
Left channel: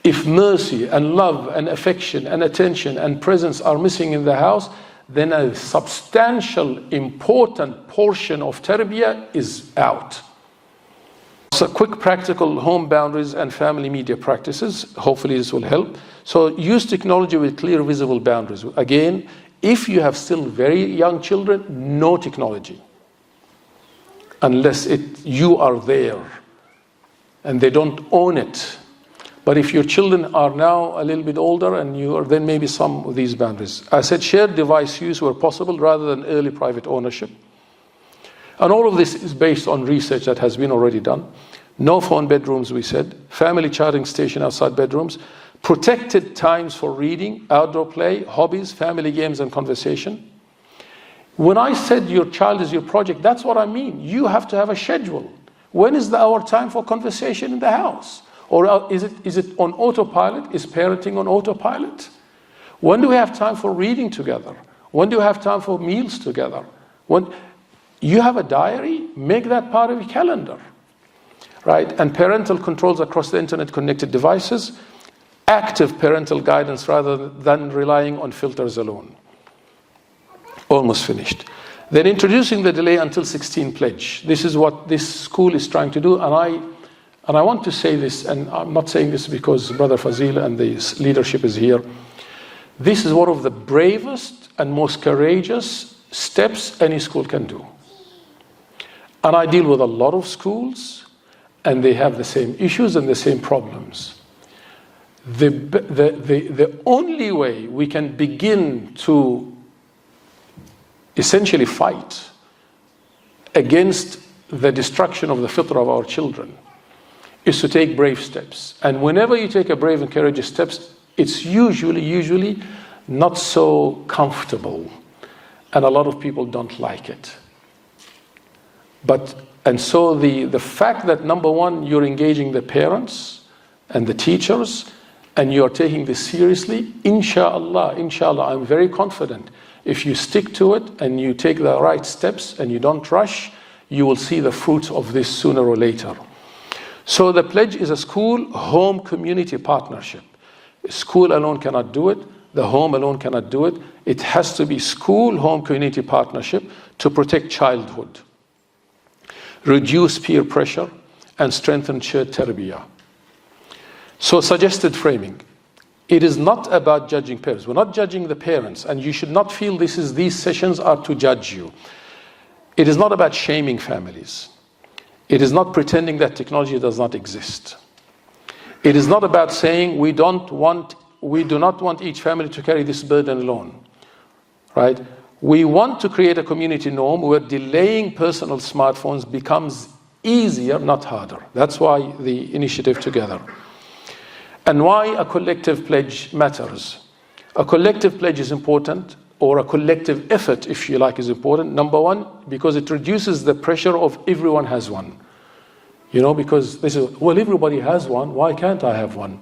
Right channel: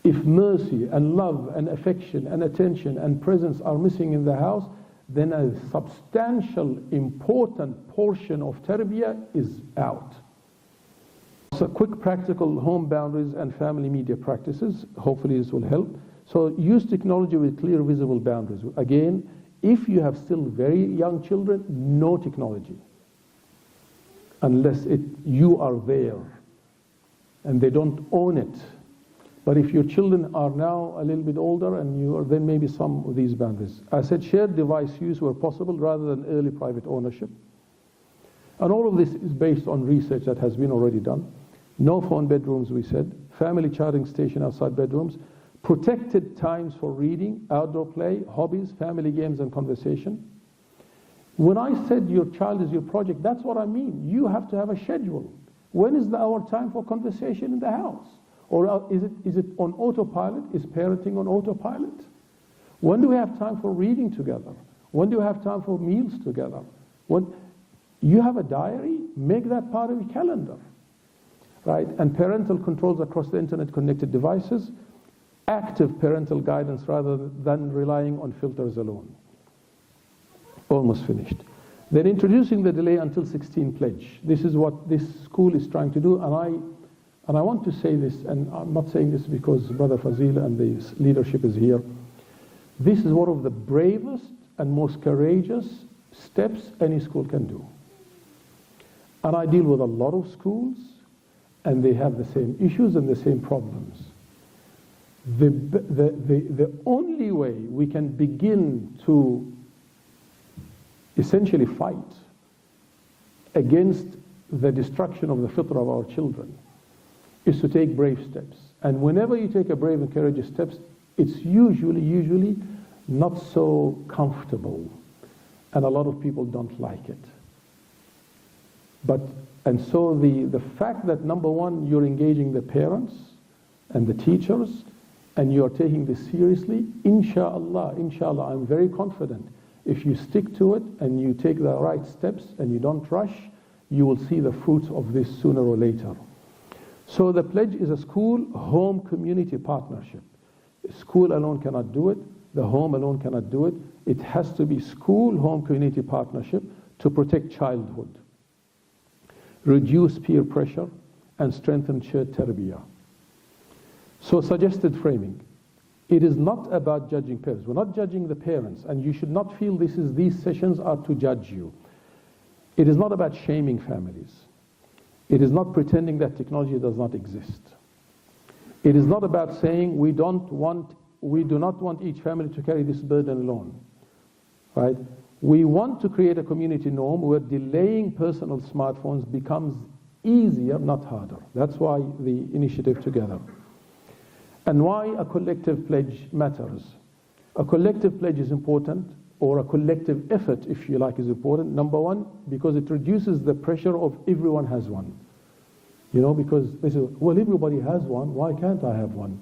If mercy and love and affection and attention and presence are missing in the house, then a substantial, important portion of tarbiyah is out. So quick practical home boundaries and family media practices. Hopefully this will help. So use technology with clear, visible boundaries. Again, if you have still very young children, no technology. Unless you are there and they don't own it. But if your children are now a little bit older and you are, then maybe some of these boundaries. I said shared device use where possible rather than early private ownership. And all of this is based on research that has been already done. No phone bedrooms, we said. Family charging station outside bedrooms. Protected times for reading, outdoor play, hobbies, family games and conversation. When I said your child is your project, that's what I mean. You have to have a schedule. When is our time for conversation in the house? Or is it on autopilot? Is parenting on autopilot? When do we have time for reading together? When do we have time for meals together? When you have a diary, make that part of your calendar, right? And parental controls across the internet connected devices, active parental guidance rather than relying on filters alone. Almost finished. Then introducing the delay until 16 pledge. This is what this school is trying to do, and I want to say this, and I'm not saying this because Brother Fazil and the leadership is here. This is one of the bravest and most courageous steps any school can do. And I deal with a lot of schools, and they have the same issues and the same problems. The only way we can begin to essentially fight against the destruction of the fitrah of our children is to take brave steps. And whenever you take a brave and courageous steps, it's usually not so comfortable. And a lot of people don't like it. And so the fact that, number one, you're engaging the parents and the teachers, and you're taking this seriously, inshallah, I'm very confident. If you stick to it and you take the right steps and you don't rush, you will see the fruits of this sooner or later. So the pledge is a school-home community partnership. School alone cannot do it. The home alone cannot do it. It has to be school-home community partnership to protect childhood, reduce peer pressure, and strengthen shared tarbiyah. So suggested framing. It is not about judging parents. We're not judging the parents, and you should not feel these sessions are to judge you. It is not about shaming families. It is not pretending that technology does not exist. It is not about saying we do not want each family to carry this burden alone, right? We want to create a community norm where delaying personal smartphones becomes easier, not harder. That's why the initiative together. And why a collective pledge matters. A collective pledge is important, or a collective effort, if you like, is important. Number one, because it reduces the pressure of everyone has one. You know, because they say, well, everybody has one, why can't I have one?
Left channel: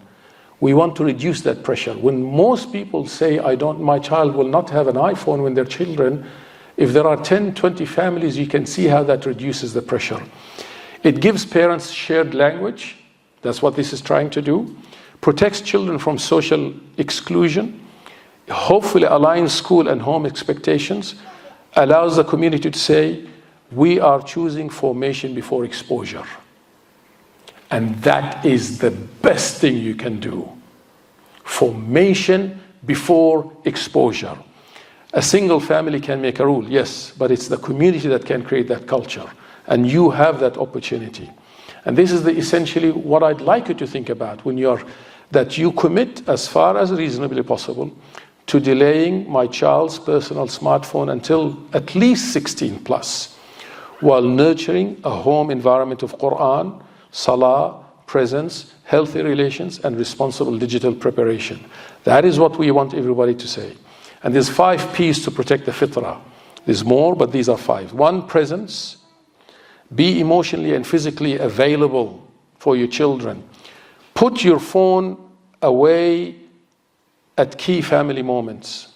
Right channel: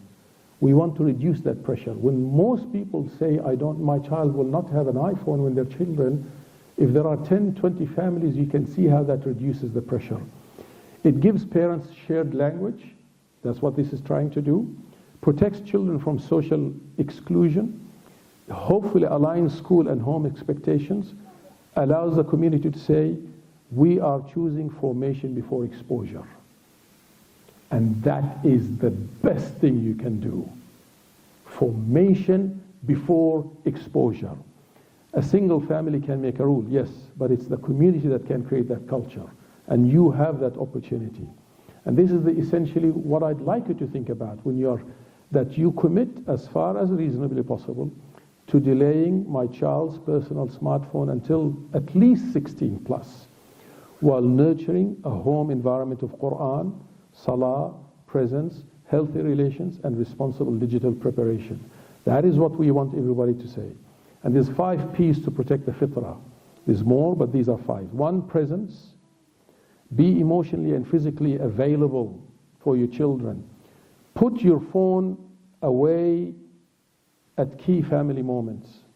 We want to reduce that pressure. When most people say, my child will not have an iPhone when they're children, if there are 10, 20 families, you can see how that reduces the pressure. It gives parents shared language. That's what this is trying to do. Protects children from social exclusion. Hopefully aligns school and home expectations. Allows the community to say, we are choosing formation before exposure. And that is the best thing you can do. Formation before exposure. A single family can make a rule, yes, but it's the community that can create that culture. And you have that opportunity. And this is essentially what I'd like you to think about that you commit as far as reasonably possible to delaying my child's personal smartphone until at least 16 plus, while nurturing a home environment of Qur'an, ṣalāh, presence, healthy relations, and responsible digital preparation. That is what we want everybody to say. And there's 5 P's to protect the fitrah. There's more, but these are 5. 1, presence. Be emotionally and physically available for your children. Put your phone away at key family moments.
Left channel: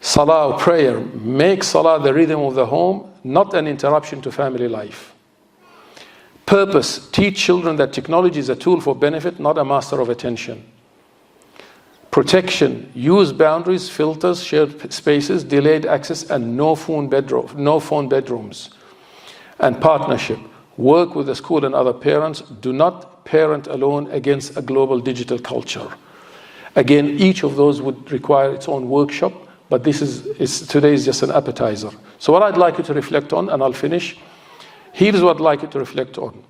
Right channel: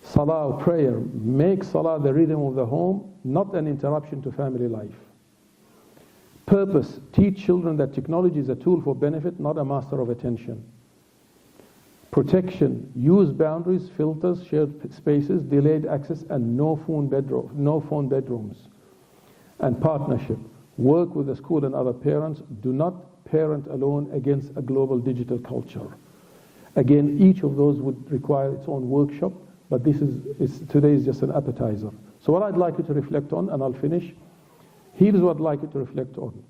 Salah, prayer. Make salah the rhythm of the home, not an interruption to family life. Purpose, teach children that technology is a tool for benefit, not a master of attention. Protection, use boundaries, filters, shared spaces, delayed access, and no phone bedrooms. And partnership, work with the school and other parents. Do not parent alone against a global digital culture. Again, each of those would require its own workshop, but today is just an appetizer. So what I'd like you to reflect on, and I'll finish, here's what I'd like you to reflect on.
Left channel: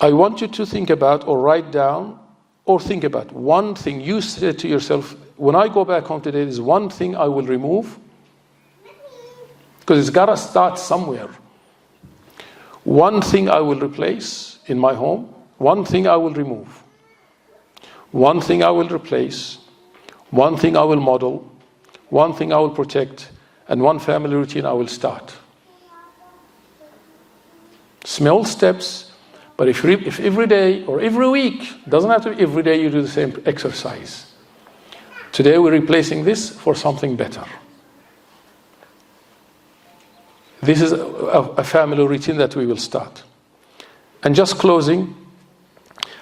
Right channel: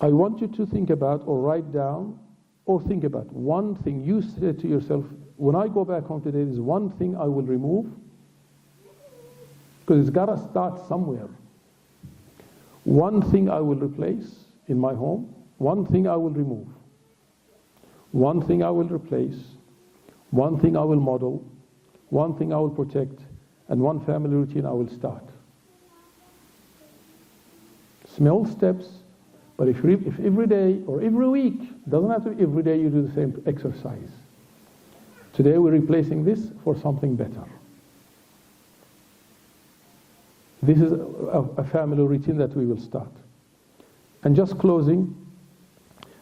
I want you to think about or write down or think about one thing you said to yourself, when I go back home today, there's one thing I will remove, because it's got to start somewhere. One thing I will replace in my home, one thing I will remove, one thing I will replace, one thing I will model, one thing I will protect, and one family routine I will start. Small steps, but if every day or every week, doesn't have to be every day you do the same exercise. Today we're replacing this for something better. This is a family routine that we will start. And just closing,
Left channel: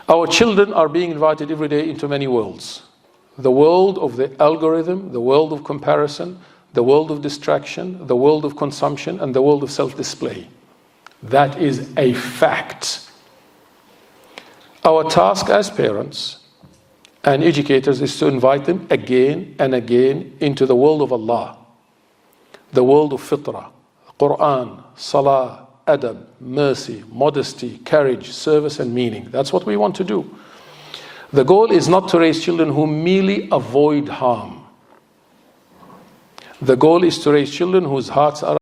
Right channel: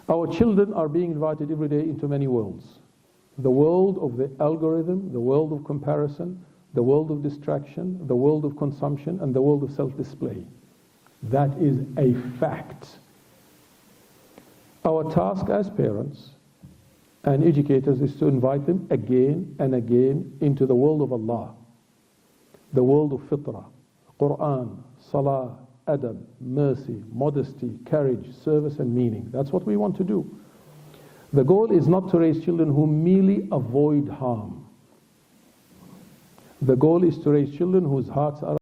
our children are being invited every day into many worlds. The world of the algorithm, the world of comparison, the world of distraction, the world of consumption, and the world of self-display. That is a fact. Our task as parents and educators is to invite them again and again into the world of Allah, the world of fitrah, Qur'an, ṣalāh, adab, mercy, modesty, courage, service, and meaning. That's what we want to do. The goal is not to raise children who merely avoid harm. The goal is to raise children whose hearts are